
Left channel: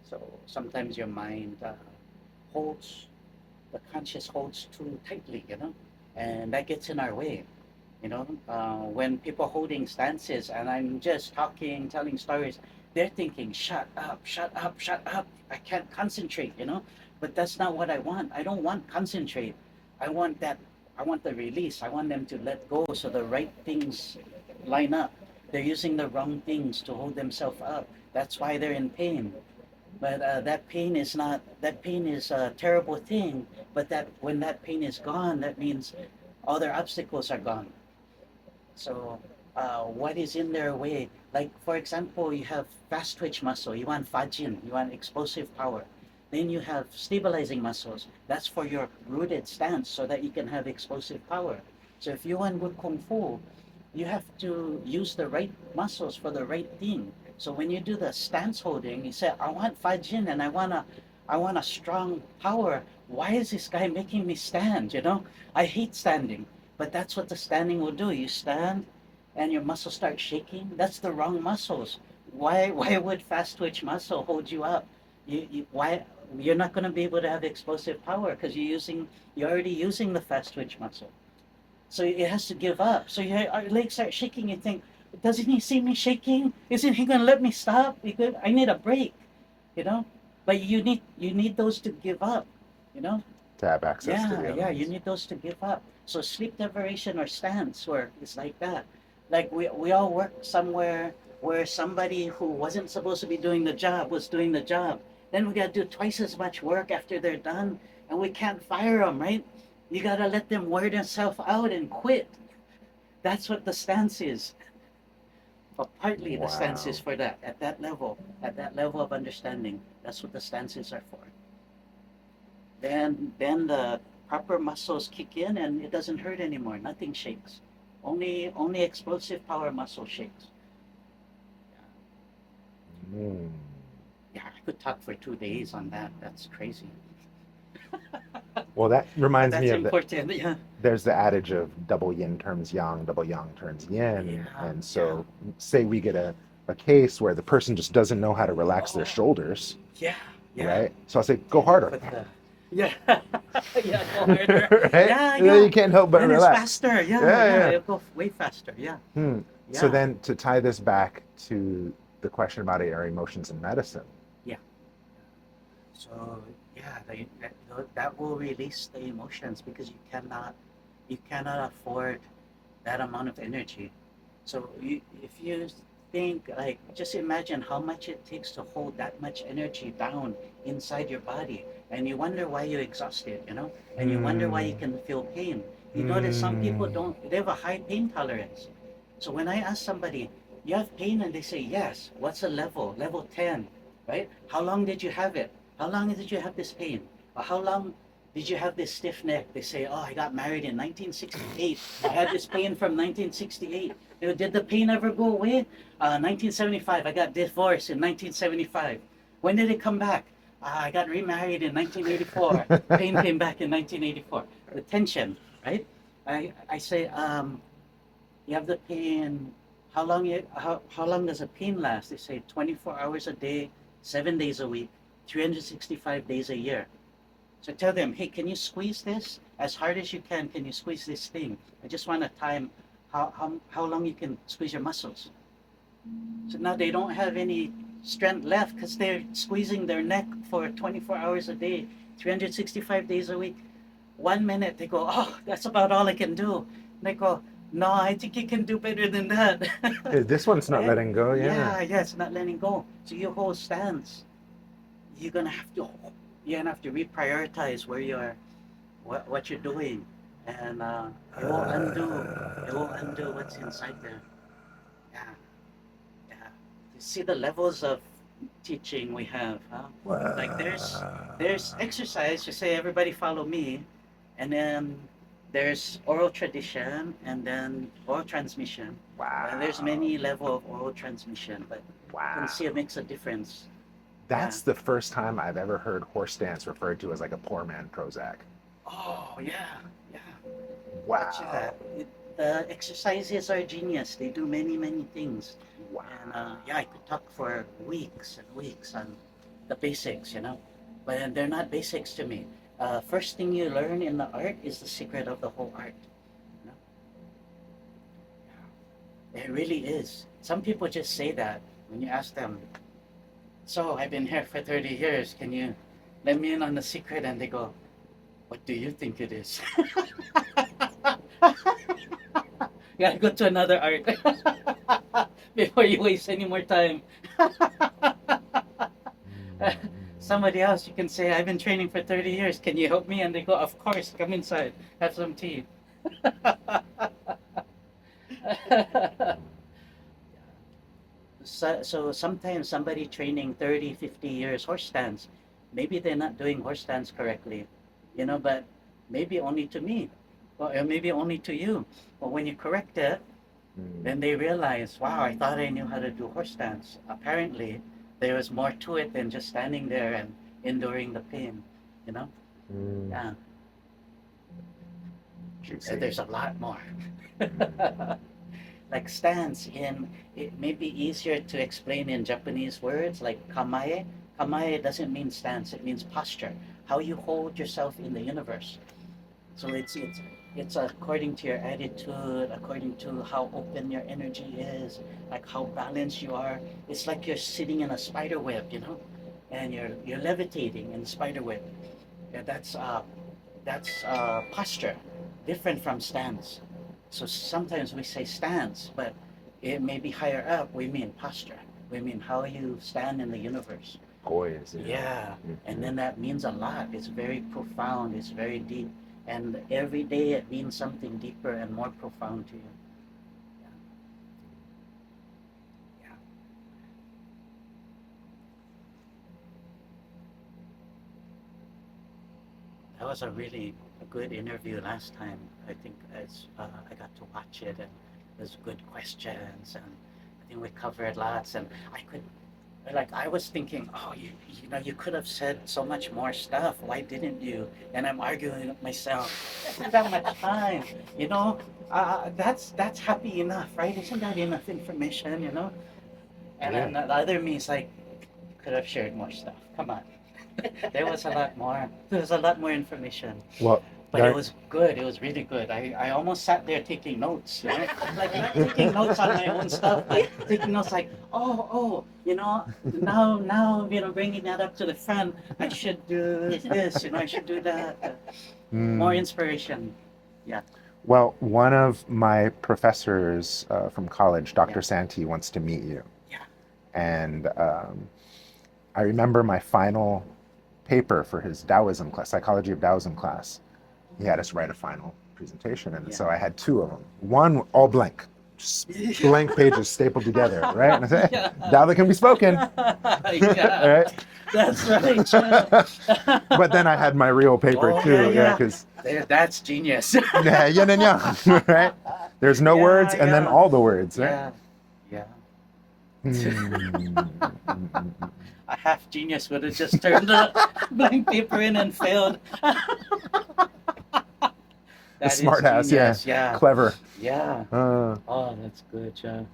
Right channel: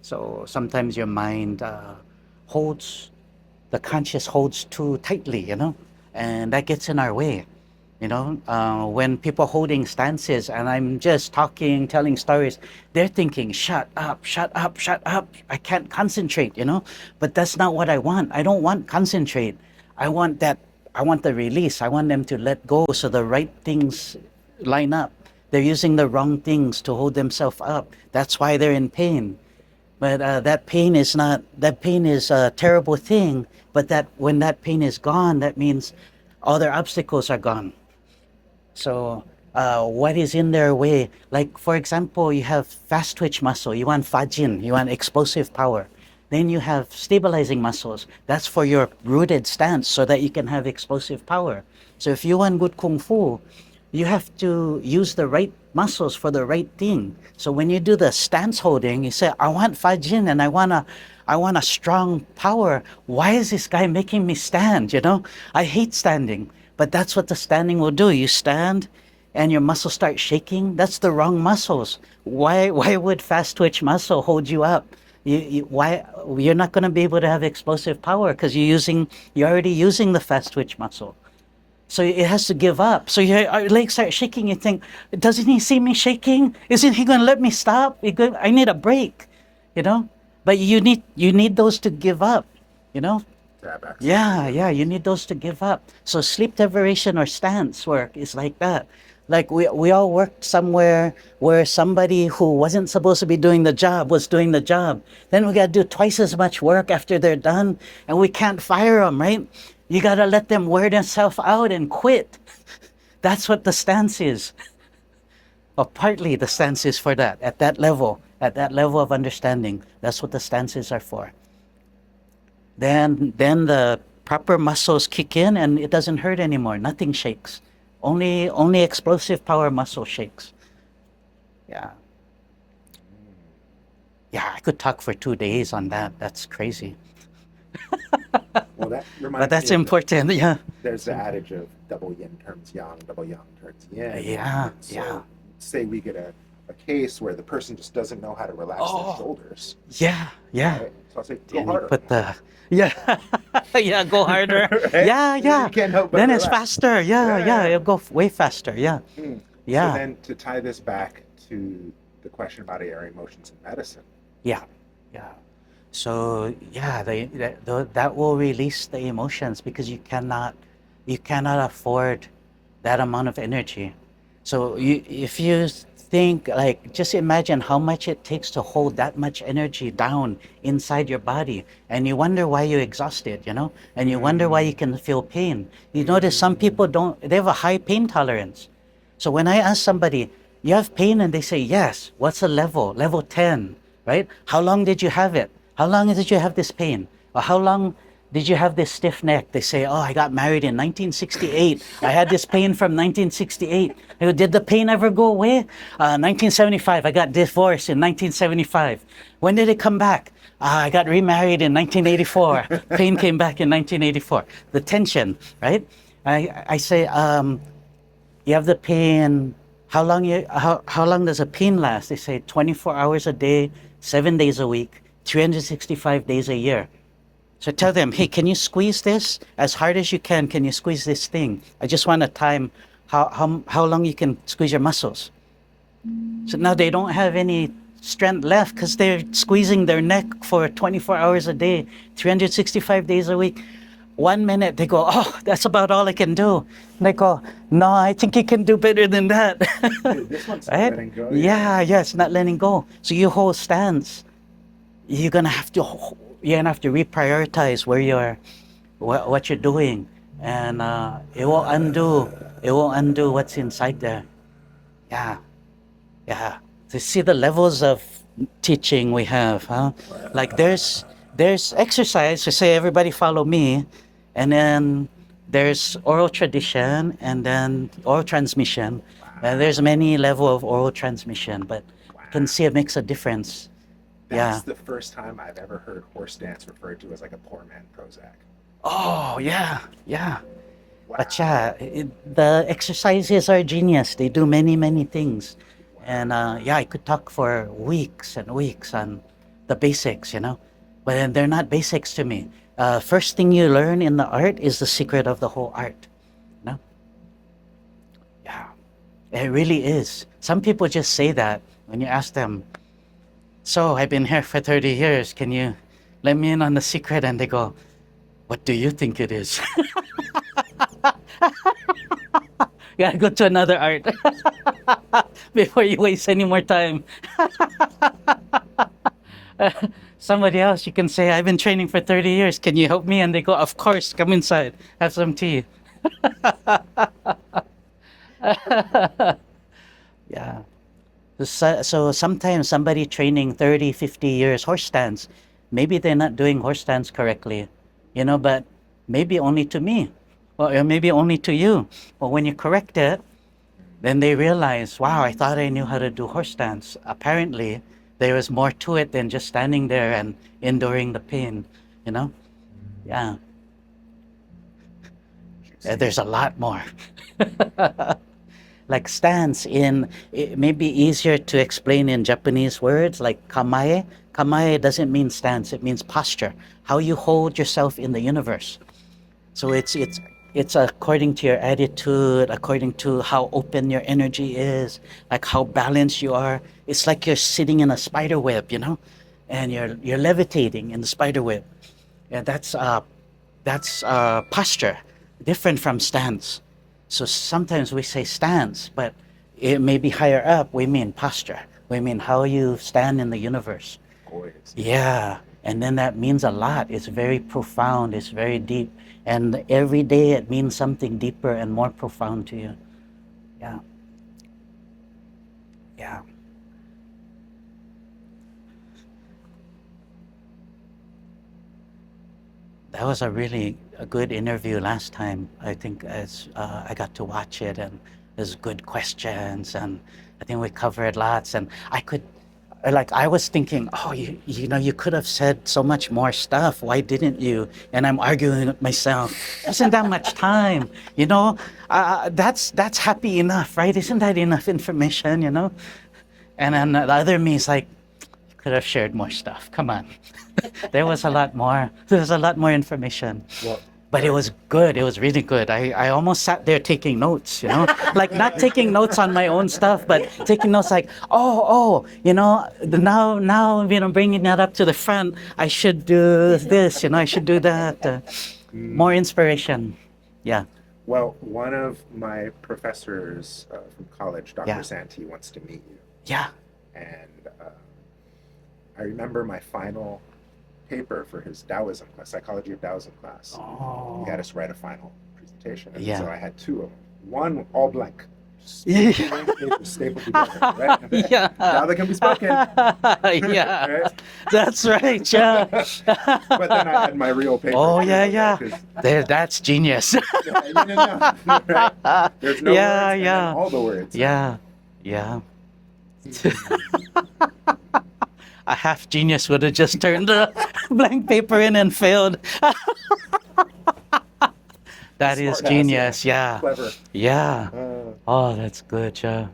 So sometimes your mind holds, the conscious holds too tightly, and that gets in our way. When people holding stances and I'm just talking, telling stories, they're thinking, shut up, shut up, shut up. I can't concentrate, but that's not what I want. I don't want concentrate. I want that, I want the release. I want them to let go so the right things line up. They're using the wrong things to hold themselves up. That's why they're in pain. But that pain is not, that pain is a terrible thing. But that when that pain is gone, that means all their obstacles are gone. So, what is in their way? Like, for example, you have fast twitch muscle, you want fajin, you want explosive power. Then you have stabilizing muscles. That's for your rooted stance so that you can have explosive power. So, if you want good kung fu, you have to use the right muscles for the right thing. So, when you do the stance holding, you say, I want fajin and I want a strong power. Why is this guy making me stand? I hate standing. But that's what the standing will do. You stand and your muscles start shaking. That's the wrong muscles. Why would fast twitch muscle hold you up? Why you're not going to be able to have explosive power because you're already using the fast twitch muscle. So it has to give up. So your legs start shaking. You think, doesn't he see me shaking? Isn't he going to let me stop? I need a break, you know. But you need those to give up, you know. to have access to Yeah, the yeah, you evidence. need those to give up. So sleep deprivation or stance work is like that. Like we all worked somewhere where somebody who wasn't supposed to be doing the job was doing the job. Then we got to do twice as much work after they're done, and we can't fire them, right? You got to let them wear themselves out and quit. That's what the stance is. Or partly the stance Wow. is for that, at that level of understanding. That's what the stances are for. Then the proper muscles kick in and it doesn't hurt anymore. Nothing shakes. Only explosive power muscle shakes. Yeah. Mm. Yeah, I could talk for 2 days on that. That's crazy. Well, that But reminds me that's of the important. Yeah. there's the adage of double yin turns yang, double yang turns yin. Yeah. And Yeah. so, say we get a case where the person just doesn't know how to relax their Oh, shoulders, yeah. Yeah. right? So I'll say, go And you harder, put the yeah. Yeah, go harder. right? Yeah, And then yeah. you can't help but Then it's relax. faster. Yeah, Yeah, yeah. yeah. It'll go way faster. Yeah. Hmm. So Yeah. then to tie this back to the question about our emotions in medicine, Yeah. Yeah. So yeah, that will release the emotions because you cannot afford that amount of energy. So if you think like, just imagine how much it takes to hold that much energy down inside your body, and you wonder why you're exhausted, and you wonder why you mm, can feel pain. You notice some people mm, don't, they have a high pain tolerance. So when I ask somebody, you have pain, and they say yes, what's the level? Level 10, right? How long did you have it? How long did you have this pain? Or how long did you have this stiff neck? They say, oh, I got married in 1968. I had this pain from 1968. I go, did the pain ever go away? 1975. I got divorced in 1975. When did it come back? I got remarried in 1984. Pain came back in 1984. The tension, right? I say, you have the pain. How long does a pain last? They say 24 hours a day, 7 days a week, 365 days a year. So tell them, hey, can you squeeze this as hard as you can? Can you squeeze this thing? I just want to time how long you can squeeze your muscles. So now they don't have any strength left because they're squeezing their neck for 24 hours a day, 365 days a week. 1 minute they go, oh, that's about all I can do. And they go, no, I think you can do better than that. Hey, this one's not Right? letting go. Yeah, yeah, it's not letting go. So you hold stance. You're gonna have to reprioritize where you're, what you're doing, and it will undo what's inside there. Yeah, yeah. To see the levels of teaching we have, huh? Like there's exercise to say everybody follow me, and then there's oral tradition, and then oral transmission. Wow. There's many level of oral transmission, but you can see it makes a difference. That's Yeah. the first time I've ever heard horse dance referred to as like a poor man Prozac. Oh yeah, yeah. Wow. But yeah, the exercises are genius. They do many things, and yeah, I could talk for weeks and weeks on the basics, but they're not basics to me. First thing you learn in the art is the secret of the whole art. You know? Yeah, it really is. Some people just say that when you ask them. So I've been here for 30 years. Can you let me in on the secret? And they go, "What do you think it is?" Yeah, go to another art before you waste any more time. Somebody else, you can say, I've been training for 30 years. Can you help me? And they go, of course, come inside. Have some tea. Yeah. So sometimes somebody training 30, 50 years horse stance, maybe they're not doing horse stance correctly, but maybe only to me, or maybe only to you. But when you correct it, then they realize, wow, I thought I knew how to do horse stance. Apparently, there was more to it than just standing there and enduring the pain, you know? Yeah, Juicy. there's a lot more. Like stance it may be easier to explain in Japanese words like kamae. Kamae doesn't mean stance, it means posture, how you hold yourself in the universe. So it's according to your attitude, according to how open your energy is, like how balanced you are. It's like you're sitting in a spider web, and you're levitating in the spider web. And that's posture, different from stance. So sometimes we say stance, but it may be higher up. We mean posture. We mean how you stand in the universe. Poise. Yeah, and then that means a lot. It's very profound. It's very deep, and every day it means something deeper and more profound to you. Yeah, yeah. That was a good interview last time. I think as I got to watch it, and there's good questions, and I think we covered lots. And I was thinking, oh, you could have said so much more stuff. Why didn't you? And I'm arguing with myself. Isn't that much time? That's happy enough, right? Isn't that enough information? And then the other me is like, you could have shared more stuff. Come on. There was a lot more. There's a lot more information. Well, But it was good. It was really good. I almost sat there taking notes, like not taking notes on my own stuff, but taking notes like, now, bringing that up to the front, I should do this, I should do that. More inspiration. Yeah. Well, one of my professors from college, Dr. Yeah. Santee, wants to meet you. Yeah. And I remember my final paper for his Taoism class, Psychology of Taoism class. Oh. He had us write a final presentation. And Yeah. so I had two of them. One all blank, just blank pages stapled together, right? And I said, Yeah. Tao that can be spoken. Yeah. Right? That's right. Yeah. But then I had my real paper Oh, too. yeah. 'Cause That's genius. yeah, yin and yang, right? There's no Yeah, words and then yeah. all the words. Yeah. Yeah. Mm. A half genius would have just turned the blank paper in and failed. That is Smart ass, genius. Yeah. Clever. Yeah. Uh, Oh, that's good, yeah.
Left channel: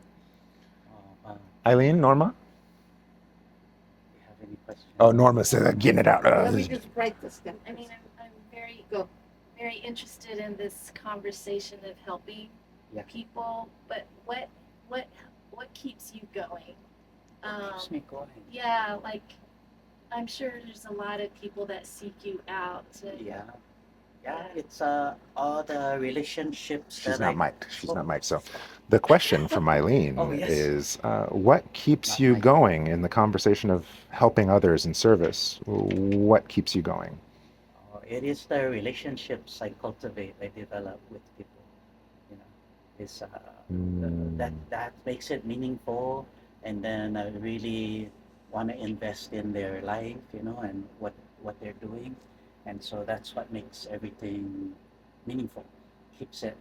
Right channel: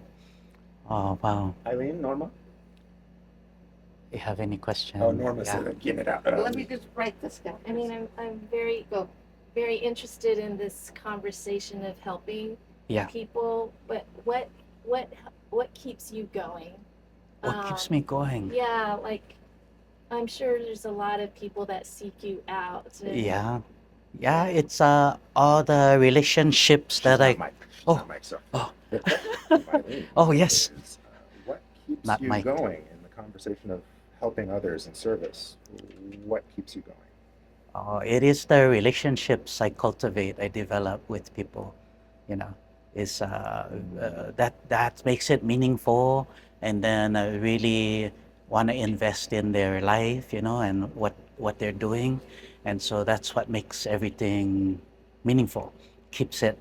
Oh, wow. Eileen, Norma? You have any questions? Oh, Norma said, getting it out. Let me just write this down. I mean, I'm very interested in this conversation of helping Yeah. people, but what keeps you going? What keeps me going? Yeah, like I'm sure there's a lot of people that seek you out. And, Yeah. Yeah, it's all the relationships She's that not I. Mike. She's Oh, not Mike. So oh, the question from oh Eileen yes, is, what keeps not you Mike. going in the conversation of helping others in service? What keeps you going? Oh, it is the relationships I cultivate, I develop with people. You know, is Mm, that makes it meaningful, and then I really want to invest in their life. You know, and what they're doing, and so that's what makes everything meaningful. Keeps it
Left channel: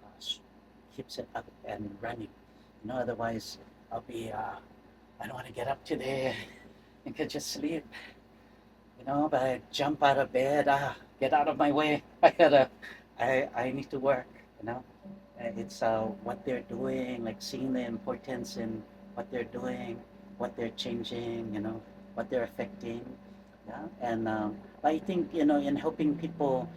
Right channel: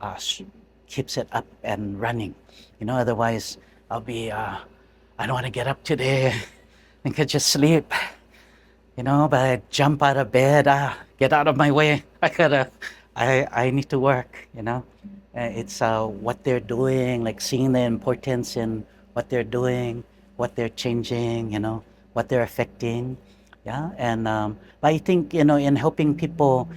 uh, keeps it up and running. You know, otherwise I'll be I don't want to get up today and could just sleep. You know, but I jump out of bed, get out of my way. I need to work. You know, it's what they're doing, like seeing the importance in what they're doing, what they're changing. You know, what they're affecting. Yeah, and but I think in helping people,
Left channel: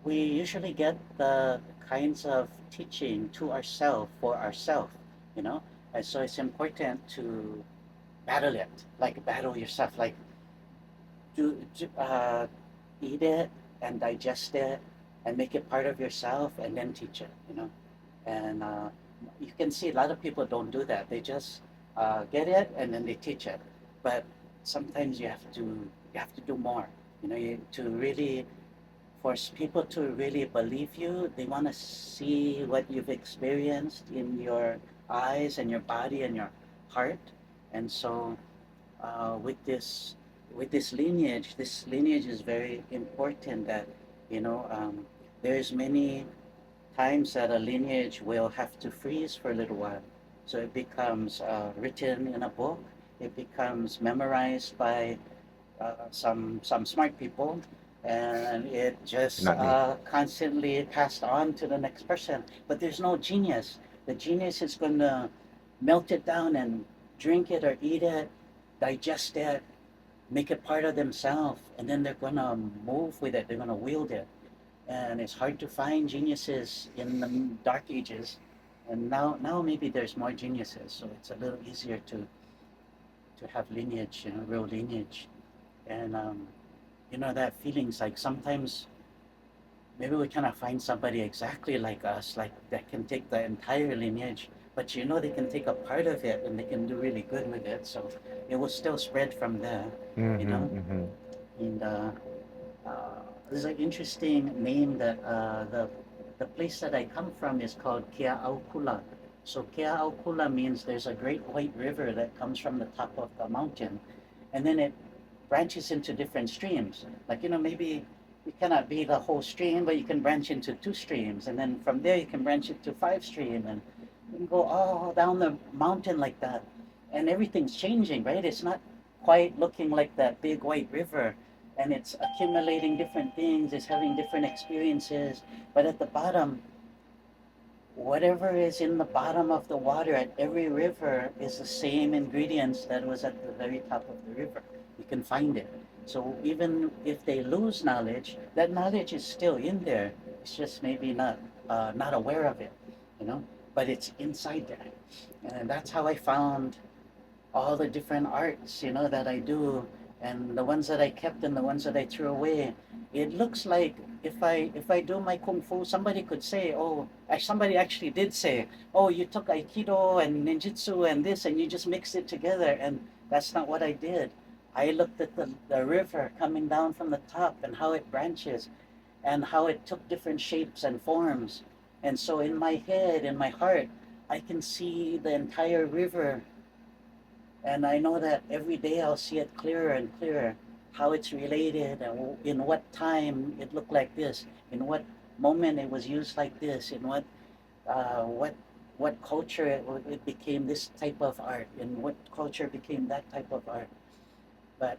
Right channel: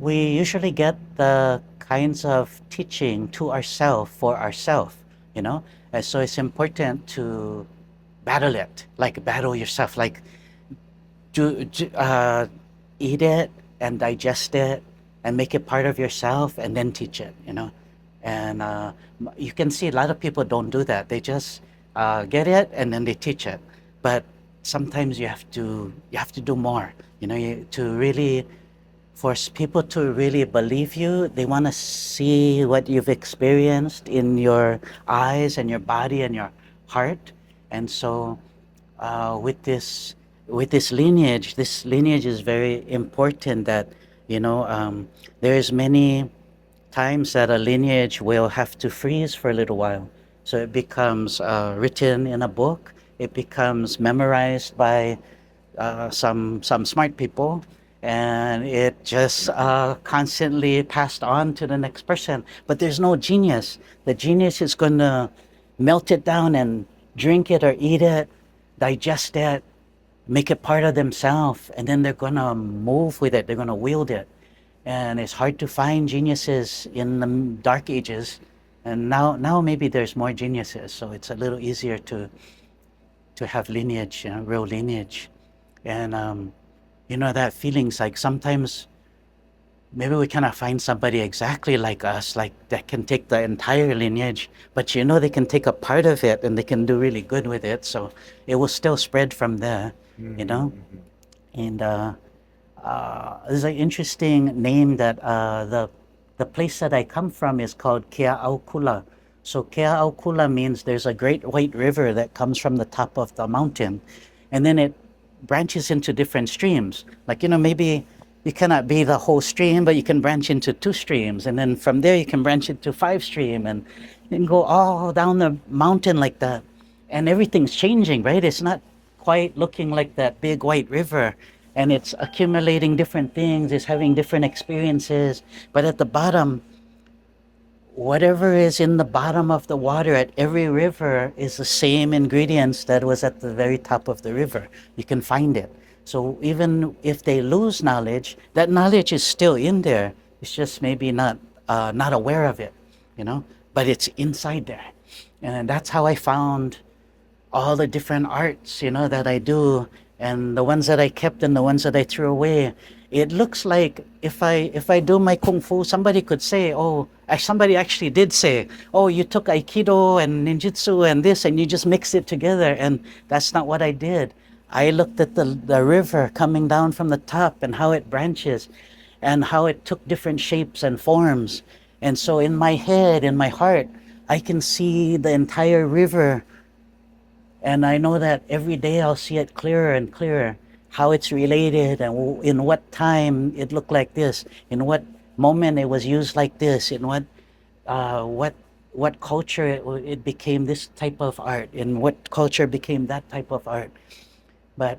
we usually get the kinds of teaching to ourselves for ourselves. You know, and so it's important to battle it, like battle yourself, like to eat it and digest it and make it part of yourself and then teach it, and you can see a lot of people don't do that. They just get it and then they teach it, but sometimes you have to do more, to really force people to really believe you. They want to see what you've experienced in your eyes and your body and your heart. And so with this lineage, is very important. That there's many times that a lineage will have to freeze for a little while, so it becomes written in a book. It becomes memorized by some smart people, and it just not me. constantly passed on to the next person. But there's no genius. The genius is going to melt it down and drink it or eat it, digest it, make it part of themselves, and then they're going to move with it. They're going to wield it. And it's hard to find geniuses in the dark ages. And now maybe there's more geniuses, so it's a little easier to have lineage, real lineage. And that feelings like sometimes maybe we cannot find somebody exactly like us, like that can take the entire lineage, but they can take a part of it and they can do really good with it. So it will still spread from there, you Hmm, know. hmm. And there's an interesting name that the place that I come from is called Kea'aukula. So Kea'aukula means there's a great white river that comes from the top of the mountain, and then it branches into different streams. Like maybe you cannot be the whole stream, but you can branch into two streams, and then from there you can branch into five stream, and then go all down the mountain like that. And everything's changing, right? It's not quite looking like that big white river, and it's accumulating different things, it's having different experiences. But at the bottom, whatever is in the bottom of the water at every river is the same ingredients that was at the very top of the river. You can find it. So even if they lose knowledge, that knowledge is still in there. It's just maybe not aware of it, you know. But it's inside there, and that's how I found all the different arts, that I do, and the ones that I kept and the ones that I threw away. It looks like if I do my kung fu, somebody could say, "Oh," somebody actually did say, "Oh, you took aikido and ninjutsu and this, and you just mixed it together." And that's not what I did. I looked at the river coming down from the top and how it branches, and how it took different shapes and forms. And so in my head, in my heart, I can see the entire river, and I know that every day I'll see it clearer and clearer, how it's related and in what time it looked like this, in what moment it was used like this, in uh, what what culture it became this type of art, in what culture became that type of art. But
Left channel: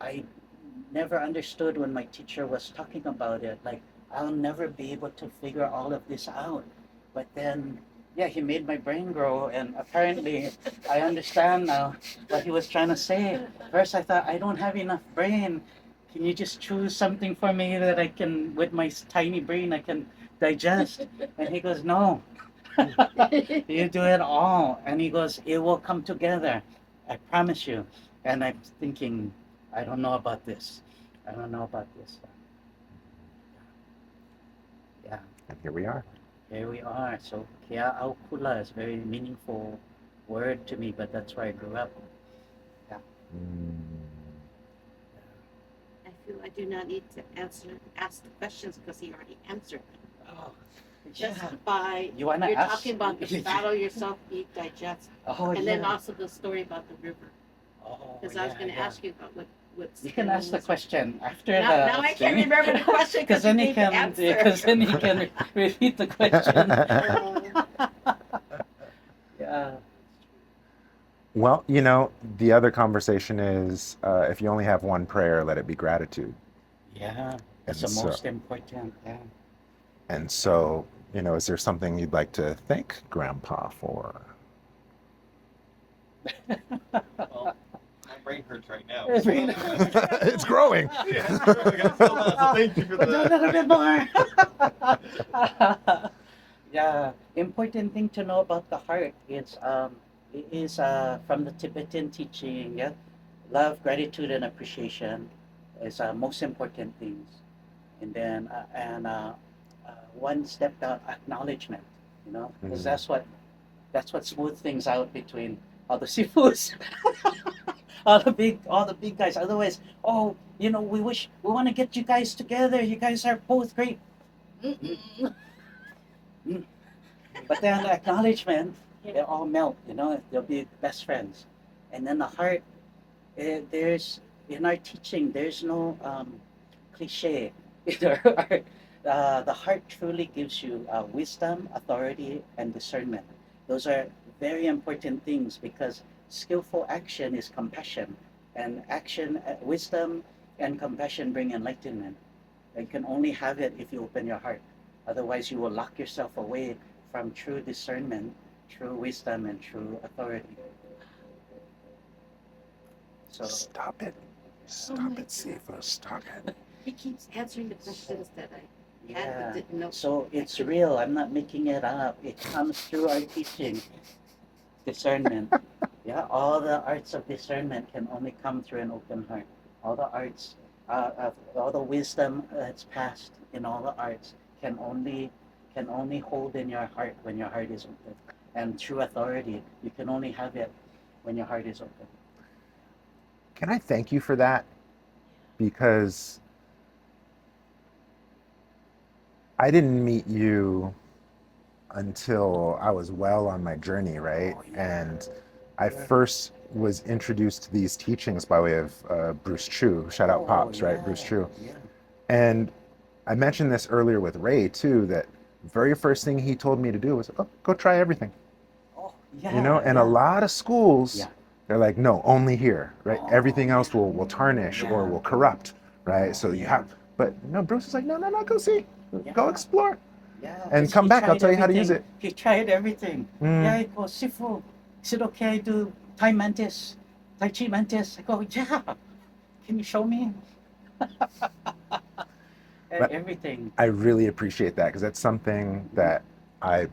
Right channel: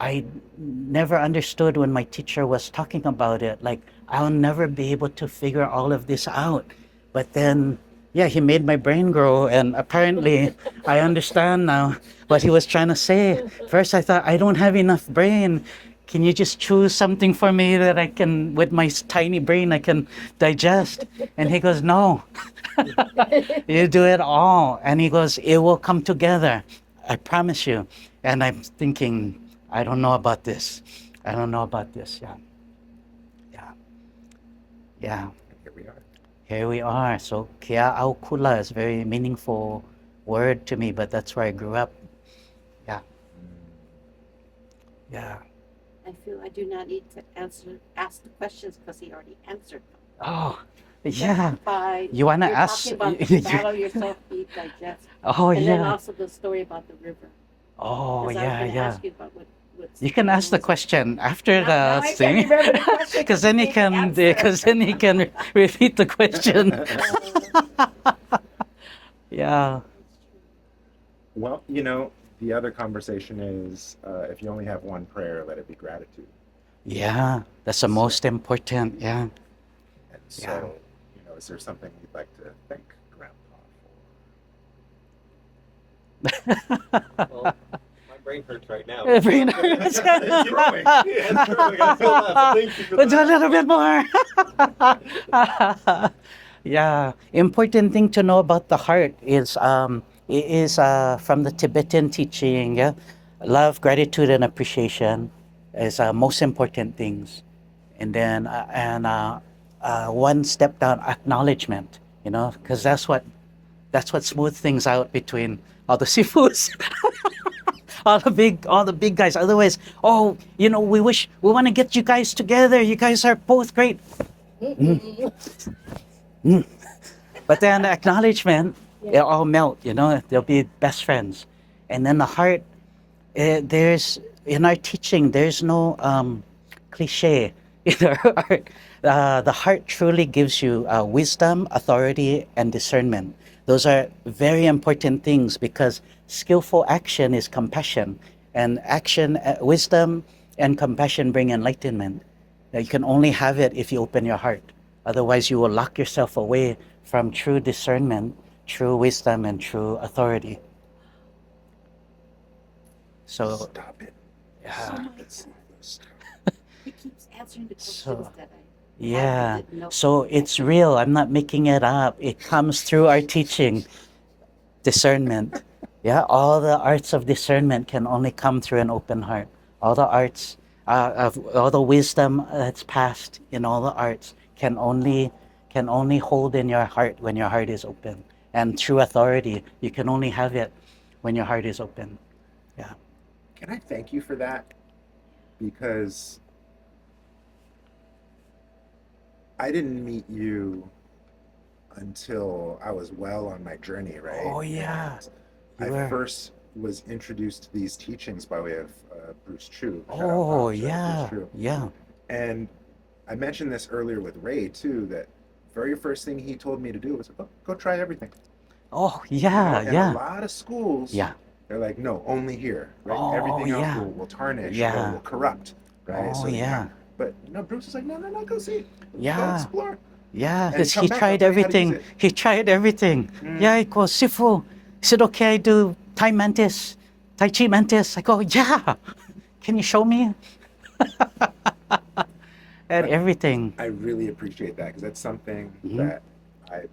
I never understood when my teacher was talking about it. Like, I'll never be able to figure all of this out. But then, yeah, he made my brain grow, and apparently, I understand now what he was trying to say. First, I thought, I don't have enough brain. Can you just choose something for me that I can, with my tiny brain, I can digest? And he goes, no, you do it all. And he goes, it will come together. I promise you. And I'm thinking, I don't know about this. I don't know about this. Yeah, yeah, yeah. And here we are. Here we are. So Kia au kula is a very meaningful word to me, but that's where I grew up. Yeah, yeah. I feel I do not need to ask the questions because he already answered them. Oh, yeah. By You wanna you're ask? talking about the battle yourself, eat, digest, Oh, and then yeah. also the story about the river. Oh, Because I was yeah, going to yeah. ask you about what. You can ask the question after Now the I thing. can't remember the question Because then you he gave the can, answer. because then he can repeat the question. Yeah. Well, the other conversation is if you only have one prayer, let it be gratitude. Yeah, that's the So- most important. Yeah. And so, is there something you'd like to thank Grandpa for? Well, my brain hurts right now. Brain hurts. It's growing. Yeah, it's growing. So thank you for Let's do a that. little bit more. Yeah, important thing to know about the heart is it is from the Tibetan teaching. Yeah, love, gratitude, and appreciation is most important things, and then one step down, acknowledgement. Because that's what smooth things out between all the sifus. all the big guys. Otherwise, we want to get you guys together. You guys are both great. But then acknowledgement, Yeah. they'll all melt. They'll be best friends. And then the heart, there's in our teaching, there's no cliche in our heart. The heart truly gives you wisdom, authority, and discernment. Those are very important things because skillful action is compassion, and wisdom, and compassion bring enlightenment. You can only have it if you open your heart. Otherwise, you will lock yourself away from true discernment, true wisdom, and true authority. So, Stop it. yeah. Stop it, Sifu. Stop it. He keeps answering the questions So, that I Yeah. didn't know. So it's real. I'm not making it up. It comes through our teaching, discernment. Yeah. All the arts of discernment can only come through an open heart. All the arts, of all the wisdom that's passed in all the arts can only hold in your heart when your heart is open. And true authority, you can only have it when your heart is open. Yeah. Can I thank you for that? Because I didn't meet you until I was well on my journey, right? Oh, yeah. And You I were- first was introduced to these teachings by way of Bruce Chu. Shout out Oh, Pops, yeah. right? Bruce Chu. Yeah. And I mentioned this earlier with Ray too, that very first thing he told me to do was, go try everything. Oh, yeah. And yeah. a lot of schools, Yeah. they're like, no, only here, right? Oh, Everything else yeah. will tarnish Yeah. or will corrupt, right? Oh, So you yeah. have, but Bruce is like, no, go see, go Yeah. explore. Yeah, And because come he back, I'll tried tell you how to use everything. it. He tried everything. Mm. Yeah, I go, Sifu. He said, okay, I do Tai Mantis, Tai Chi Mantis. I go, yeah. Can you show me? And everything. I really appreciate that because that's something Mhm. that I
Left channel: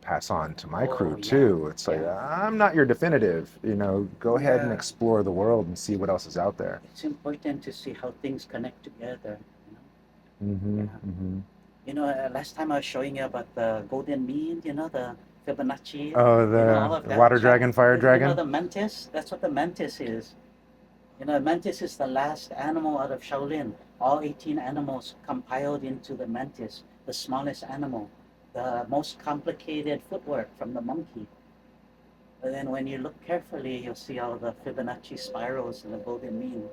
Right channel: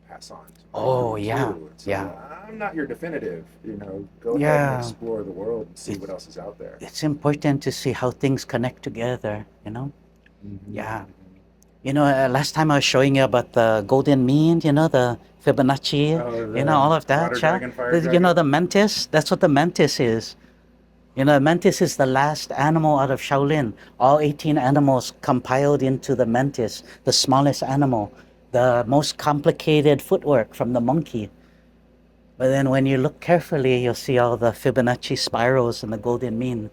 pass on to my Oh, crew yeah. too. It's like, Yeah. I'm not your definitive, go ahead and Yeah. explore the world and see what else is out there. It's important to see how things connect together, Mhm, Yeah. mhm. Last time I was showing you about the golden mean, the Fibonacci, Oh, all of the that. water yeah. dragon, fire dragon? The mantis, that's what the mantis is. The mantis is the last animal out of Shaolin. All 18 animals compiled into the mantis, the smallest animal, the most complicated footwork from the monkey. But then when you look carefully, you'll see all the Fibonacci spirals and the golden mean,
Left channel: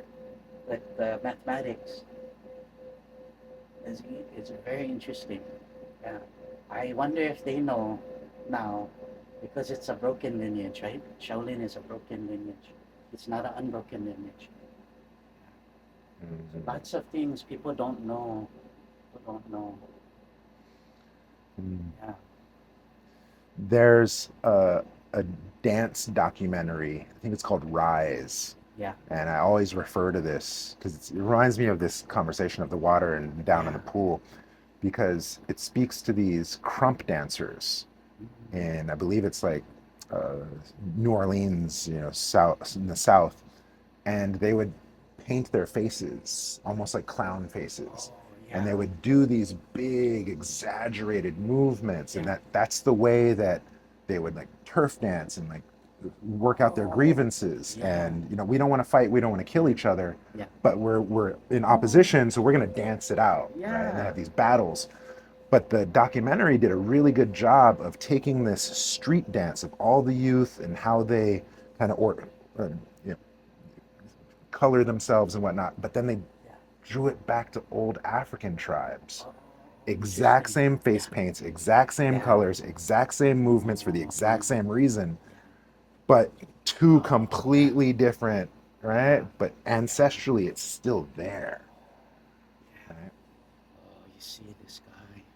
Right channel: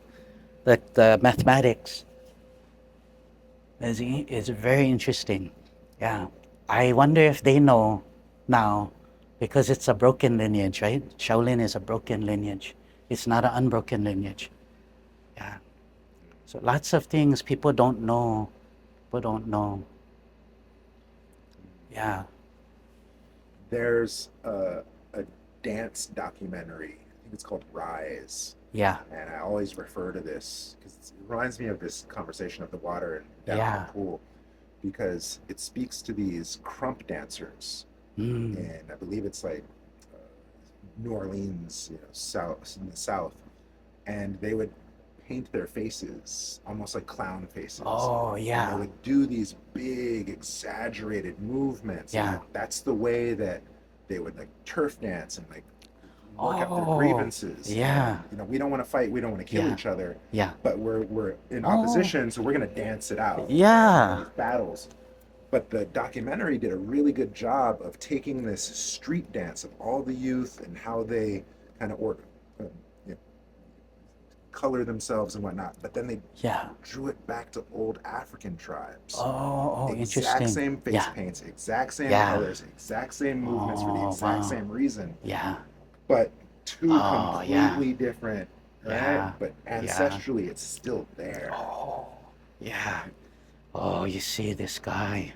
the mathematics. It's very interesting. Yeah. I wonder if they know now, because it's a broken lineage, right? Shaolin is a broken lineage. It's not an unbroken lineage. Yeah. So lots of things people don't know. Yeah. There's a dance documentary. I think it's called Rise. Yeah. And I always refer to this because it reminds me of this conversation of the water and down in Yeah. the pool, because it speaks to these crump dancers. Mm. And I believe it's like New Orleans, south in the south, and they would paint their faces almost like clown faces. Oh, And they yeah. would do these big exaggerated movements. And Yeah. that's the way that they would like turf dance and like work out their Oh, grievances. yeah. And you know, we don't want to fight, we don't want to kill Yeah. each other, Yeah. but we're in Oh. opposition, so we're gonna dance it out. Right? And Yeah. have these battles. But the documentary did a really good job of taking this street dance of all the youth and how they kind of you know, color themselves and whatnot. But then they Yeah. drew it back to old African tribes. Oh, Exact interesting. same face Yeah. paints, exact same Yeah. colors, exact same movements for the Oh, exact wow. same reason, Yeah. but two Oh, completely different, right? Yeah. But ancestrally, it's still there. Oh, yeah. Oh, you see this guy.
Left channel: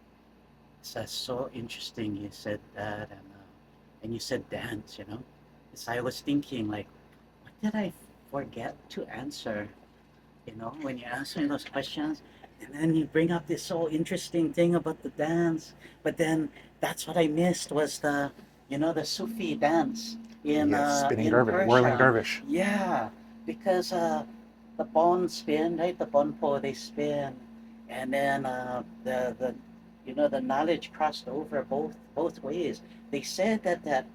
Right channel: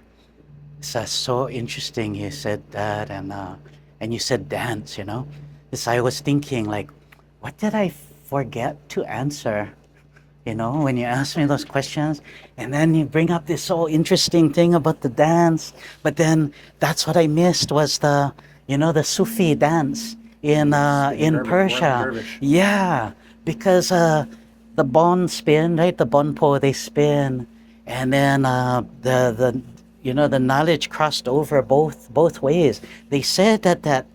It's so interesting. You said that, and you said dance. You know, this I was thinking like, what did I forget to answer? You know, when you ask me those questions, and then you bring up this so interesting thing about the dance, but then that's what I missed was the, you know, the Sufi dance Yes, spinning in whirling Persia. dervish. Yeah, because the bon spin, right? The bonpo they spin, and then the you know the knowledge crossed over both ways. They said that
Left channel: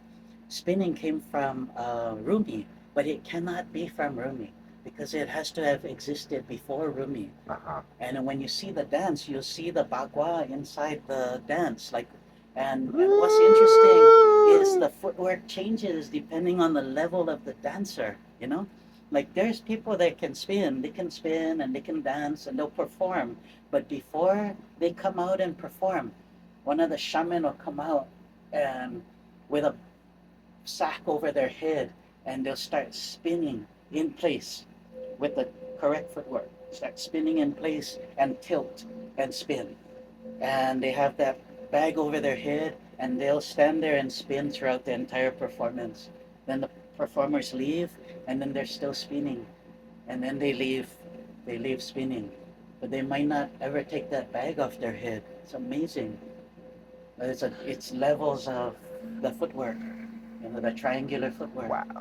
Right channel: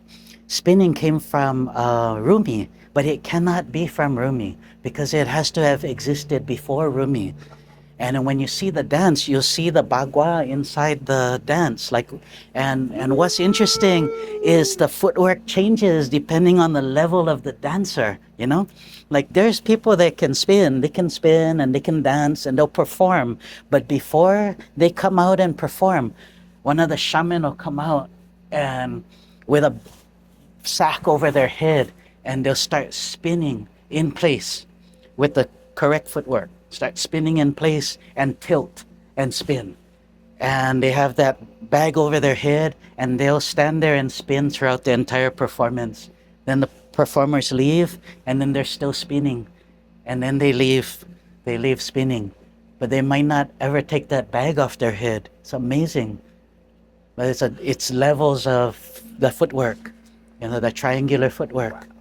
spinning came from Rumi, but it cannot be from Rumi because it has to have existed before Rumi. Uh-huh. And when you see the dance, you'll see the bagua inside the dance. Like, and what's interesting is the footwork changes depending on the level of the dancer. You know, like there's people that can spin, and they can dance and they'll perform. But before they come out and perform, one of the shaman will come out and with a sack over their head, and they'll start spinning in place with the correct footwork. Start spinning in place and tilt and spin. And they have that bag over their head, and they'll stand there and spin throughout the entire performance. Then the performers leave, and then they're still spinning. And then they leave spinning. But they might not ever take that bag off their head. It's amazing. But it's levels of the footwork, you know, the triangular footwork. Wow.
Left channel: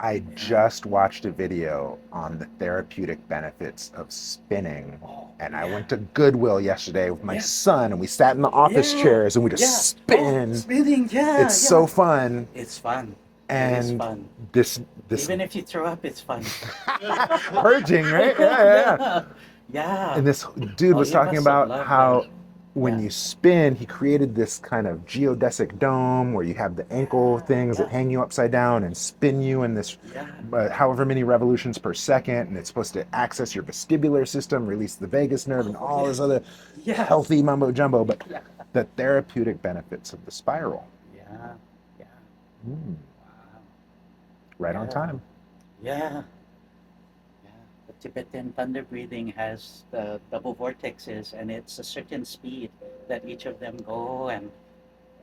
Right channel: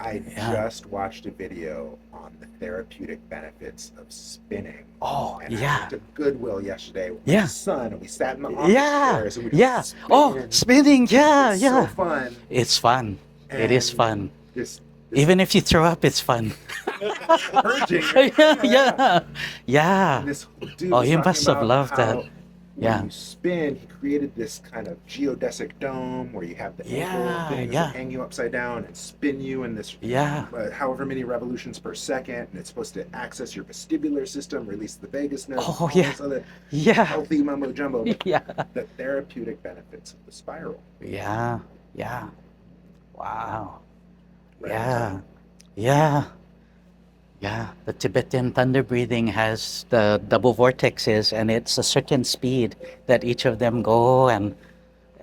I Yeah. just watched a video on the therapeutic benefits of spinning. Oh, And I yeah. went to Goodwill yesterday with my Yeah. son, and we sat in the office Yeah. chairs and we just Yeah. Oh, spin. spinning, yeah. It's yeah. so fun. It's fun. It is And fun. This Even if you throw up, it's fun. purging, right? yeah. Yeah. And this dude Oh, was he talking must have about loved how that. when Yeah. you spin, he created this kind of geodesic dome where you have the ankle Yeah, things yeah. that hang you upside down and spin you in this Yeah. however many revolutions per second, and it's supposed to access your vestibular system, release the vagus nerve, and Oh, all yeah. this other Yeah. healthy mumbo jumbo. But Yeah. the therapeutic benefits of the spiral, Yeah. Yeah. Mm, Wow. right on Yeah. time. Yeah. Yeah. The Tibetan thunder breathing has the double vortexes, and it's a certain speed that each of them go, and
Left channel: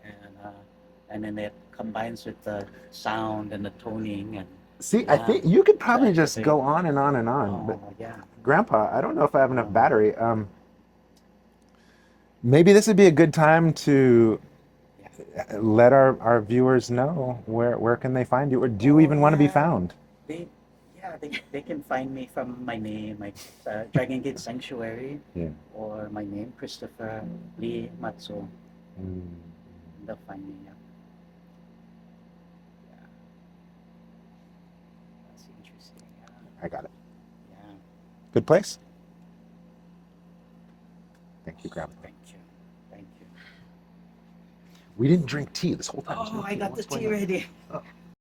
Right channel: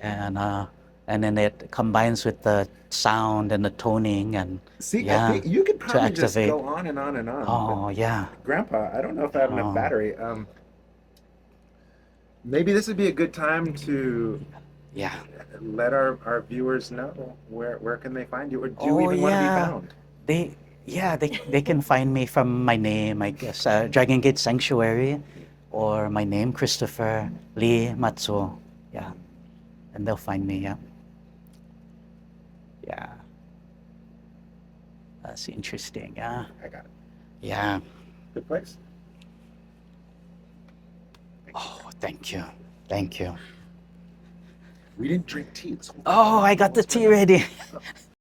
then it combines with the sound and the toning and See, I yeah, think you could to probably just activate. go on and on and on. But Oh yeah. Grandpa, I don't know if I have enough Oh. battery. Maybe this would be a good time to Yeah. let our viewers know where can they find you, or do you Oh, even want to be yeah. found? They can find me from my name, I guess, Dragon Gate Sanctuary, Yeah. or my name, Christopher Lee Matsuo. Yeah, Mm. and they'll find me. Yeah. Yeah. That's interesting. Yeah. I got it. Yeah. Good place. Thank you, Oh, Grandpa. thank you. Thank you. We didn't drink tea this whole time. Oh, I got the What's tea going on? ready. Oh.